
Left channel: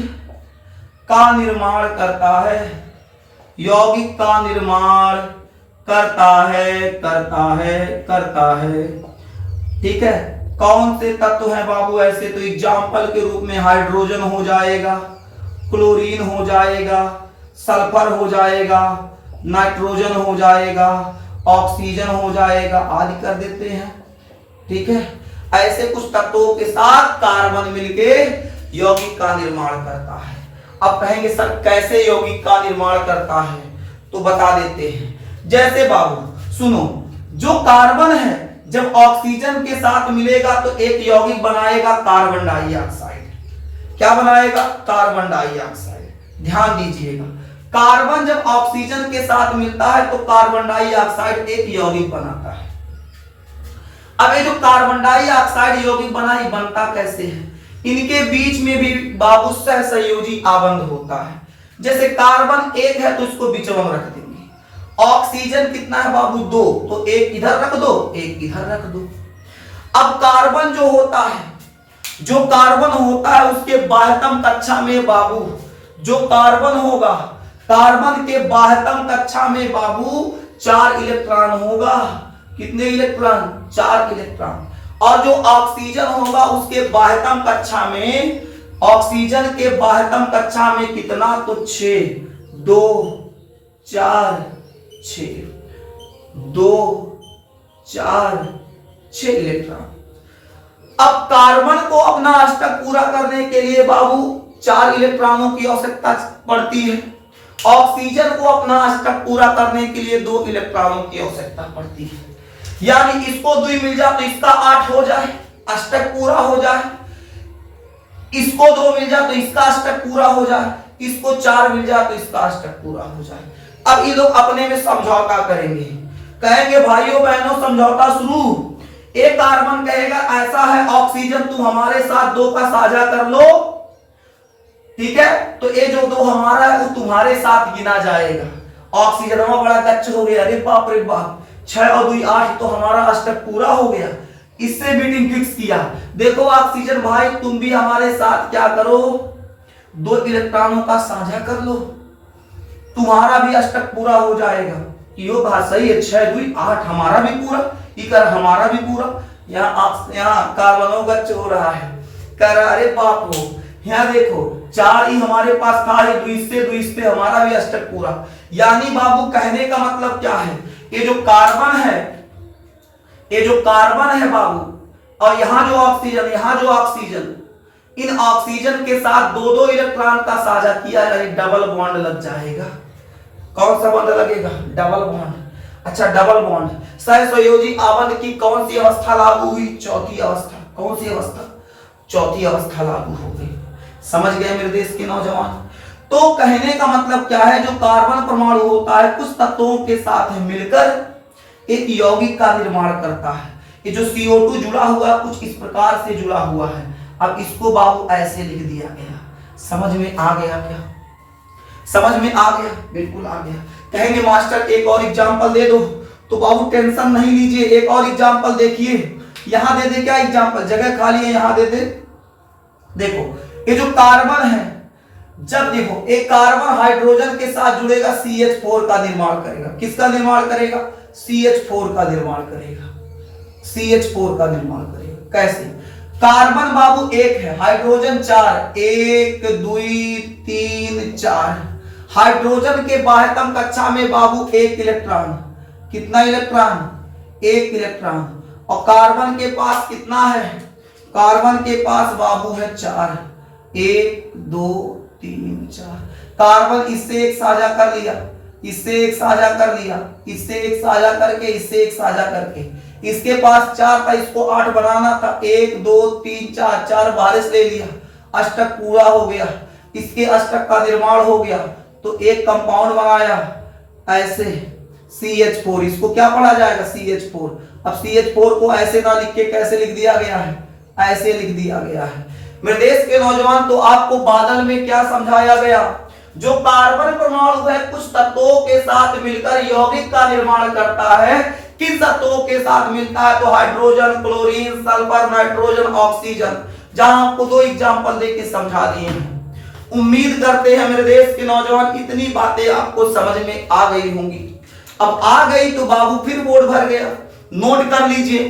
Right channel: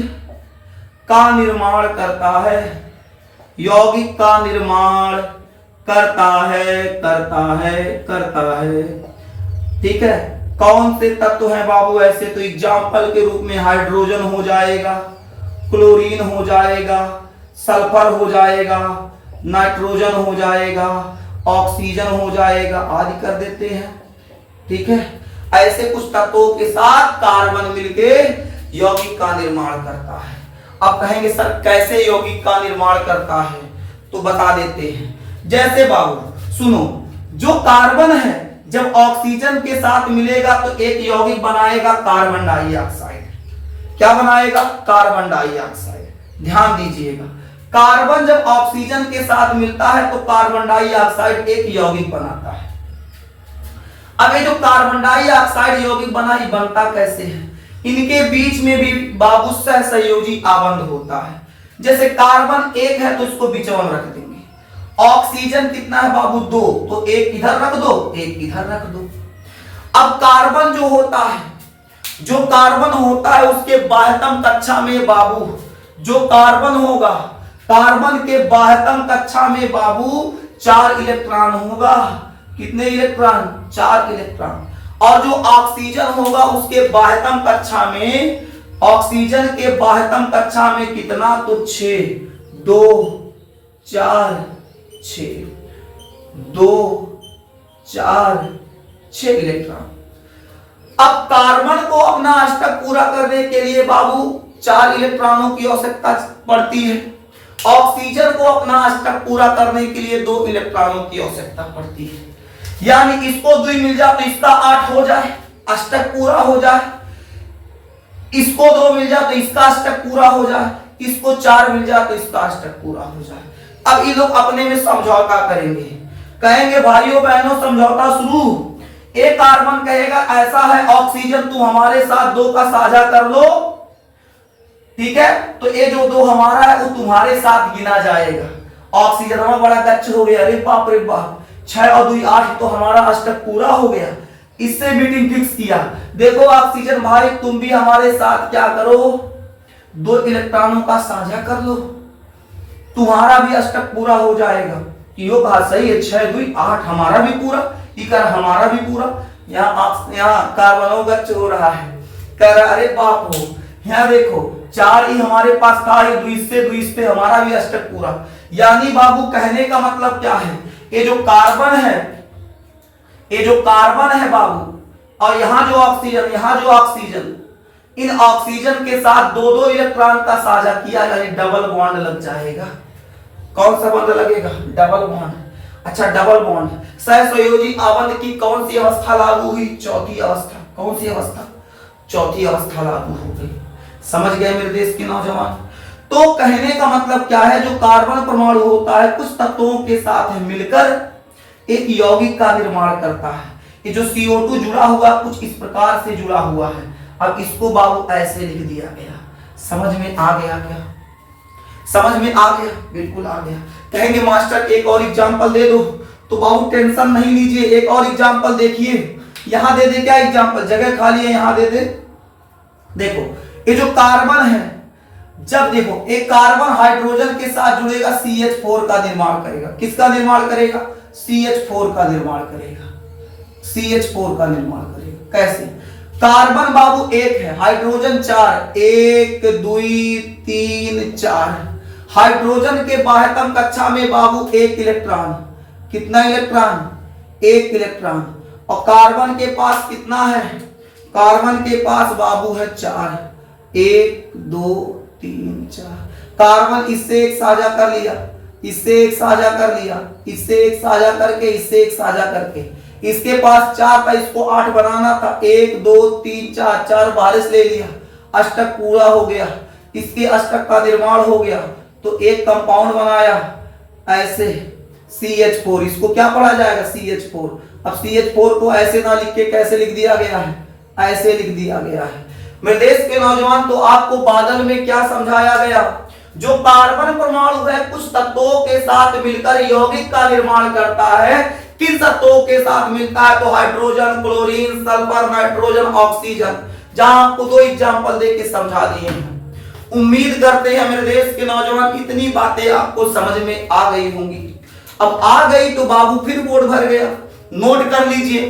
का निर्माण करता है। ठीक है, कौन से तत्व हैं बाबू ऐसे, तो एग्जाम्पल के रूप में हाइड्रोजन हो जाएगा, क्लोरीन हो जाएगा, सल्फर हो जाएगा, नाइट्रोजन हो जाएगा, ऑक्सीजन हो जाएगा, आदि कर देते हैं। ठीक है, ऐसे कुछ तत्वों के साथ कार्बन मिलके यौगिक का निर्माण करता है। अब कहेंगे सर कैसे यौगिक का निर्माण करता है, तो बता देते हैं। जैसे बाबू सुनो, जो कार्बन है जब ऑक्सीजन के साथ मिलेगा तो एक यौगिक बनाएगा कार्बन डाइऑक्साइड। क्या बनाएगा, कार्बन डाइऑक्साइड। ध्यान दीजिएगा, कार्बन जब ऑक्सीजन के साथ मिलता है तो कार्बन डाइऑक्साइड एक यौगिक बनाता है। अब ये जो कार्बन डाइऑक्साइड यौगिक बनता कैसे है, इनके बीच में भी बाबू सहसंयोजी आबंध होता है। जैसे कार्बन 1 है तो इसको बिचवन रख देंगे। ऑक्सीजन कितना है बाबू 2, तो एक इधर रख दो, एक इधर रख दो। अब कार्बन जो होता है उसके बाह्यतम कक्षा में बाबू, जो कार्बन होगा, कार्बन के बाह्यतम कक्षा में बाबू 4 इलेक्ट्रॉन होगा। कितने इलेक्ट्रॉन, 4 इलेक्ट्रॉन। और जो ऑक्सीजन होगा उसके बाह्यतम कक्षा में, ऑक्सीजन के बाह्यतम कक्षा में कितना, तो 6, 2 4 6, 2 4 6 इलेक्ट्रॉन। अब कार्बन को अपना अष्टक पूरा करने के लिए बाबू 4 इलेक्ट्रॉनों की आवश्यकता पड़ती है। ऑक्सीजन को अपना अष्टक पूरा करने के लिए 2 इलेक्ट्रॉनों की आवश्यकता पड़ती है। यानी इसको 2 मिल जाए तो इसका 8 हो जाए, अष्टक पूरा हो जाए। इसको 2 मिल जाए तो इसका अष्टक पूरा हो जाए, इसको 4 मिल जाए तो इसका अष्टक पूरा हो जाए। अब ये लोग अपने में समझौता करेंगे, कहेंगे भाइयों बहनों समझौता शुरू, एक कार्बन कहेगा ऐसा है ऑक्सीजन तुम हमारे साथ दो का साझा कर लो, ठीक है, तो ये जो दो हमारा है वो तुम्हारे साथ गिना जाएगा। ऑक्सीजन में बड़ा गच्च हो गया, अरे बाप रे बाप, 6 और 2 8 तो हमारा अष्टक पूरा हो गया। इससे मीटिंग फिक्स किया। देखो ऑक्सीजन भाई तुम भी हमारे साथ क्या करो, 2 इलेक्ट्रॉनों का साझा कर लो, तुम्हारा भी अष्टक पूरा हो जाएगा। यो कहा सही है, 6 2 8 हमारा भी पूरा, इकर हमारा भी पूरा। यहाँ कार्बनों गच्च हो रहा है, कह रहा अरे बाप हो, यहाँ देखो 4 ही हमारे पास था, 2 इस पे हमारा भी अष्टक पूरा। यानी बाबू कहने का मतलब क्या है, ये जो कार्बन है, ये जो कार्बन है बाबू, और यहाँ जो ऑक्सीजन, इन ऑक्सीजन के साथ 2 इलेक्ट्रॉन का साझा किया, यानी डबल बॉन्ड लग जाएगा। कौन सा बॉन्ड लगेगा, डबल बॉन्ड। अच्छा डबल बॉन्ड, सहसंयोजी आबंध की कौन सी अवस्था लागू हुई, चौथी अवस्था। कौन सी अवस्था, चौथी अवस्था लागू हो गई। समझ गए मेरे देश के नौजवान। तो कहने का मतलब क्या है, जो कार्बन परमाणु होता है कुछ तत्वों के साथ मिलकर एक यौगिक का निर्माण करता है। ये जो CO2 जुड़ा हुआ कुछ इस प्रकार से जुड़ा हुआ है। अब इसको बाबू ऐसे लिख दिया गया। समझ में आ गया क्या, समझ में आ गया, बिल्कुल आ गया। कहेंगे मास्टर एक और एग्जांपल दे दो, तो बाबू टेंशन नहीं लीजिए, एक और एग्जांपल देखिए। यहां दे दे क्या एग्जांपल, जगह खाली है यहां दे दे। देखो ये जो कार्बन है, जब देखो एक कार्बन हाइड्रोजन के साथ जुड़ेगा CH4 का निर्माण करेगा। किसका निर्माण करेगा, CH4 का निर्माण करेगा, CH4 का निर्माण करेगा। कैसे, कार्बन बाबू एक है, हाइड्रोजन 4, 1 2 3 4। हाइड्रोजन के बाह्यतम कक्षा में बाबू 1 इलेक्ट्रॉन, कितना इलेक्ट्रॉन, 1 इलेक्ट्रॉन। और कार्बन के पास कितना है, कार्बन के पास बाबू है 4, 1 2 3 4। कार्बन इससे एक साझा कर लिया, इससे एक साझा कर लिया, इससे एक साझा करके, इससे एक साझा करके, इसके पास 4 था, इसको 8 बनाना था, 1 2 3 4, 4 बारिश ले लिया, अष्टक पूरा हो गया। इसके अष्टक का निर्माण हो गया, तो एक कंपाउंड बनाया ऐसे CH4, इसको क्या पढ़ा जाएगा, CH4। अब CH4 को ऐसे ना लिख के कैसे लिख दिया गया है, ऐसे लिख दिया गया है। मेरे देश के नौजवान, तो आपको बादल में क्या समझाया गया, जो कार्बन परमाणु है कुछ तत्वों के साथ मिलकर यौगिक का निर्माण करता है। किन तत्वों के साथ मिलता है, तो hydrogen, chlorine, sulphur, nitrogen, oxygen. जहां आपको 2 एग्जांपल देके समझा दिए हैं। उम्मीद करते हैं मेरे देश के नौजवान इतनी बातें आपको समझ में आ गई होंगी। अब आ गई तो बाबू फिर बोर्ड भर गया, नोट कर लीजिए।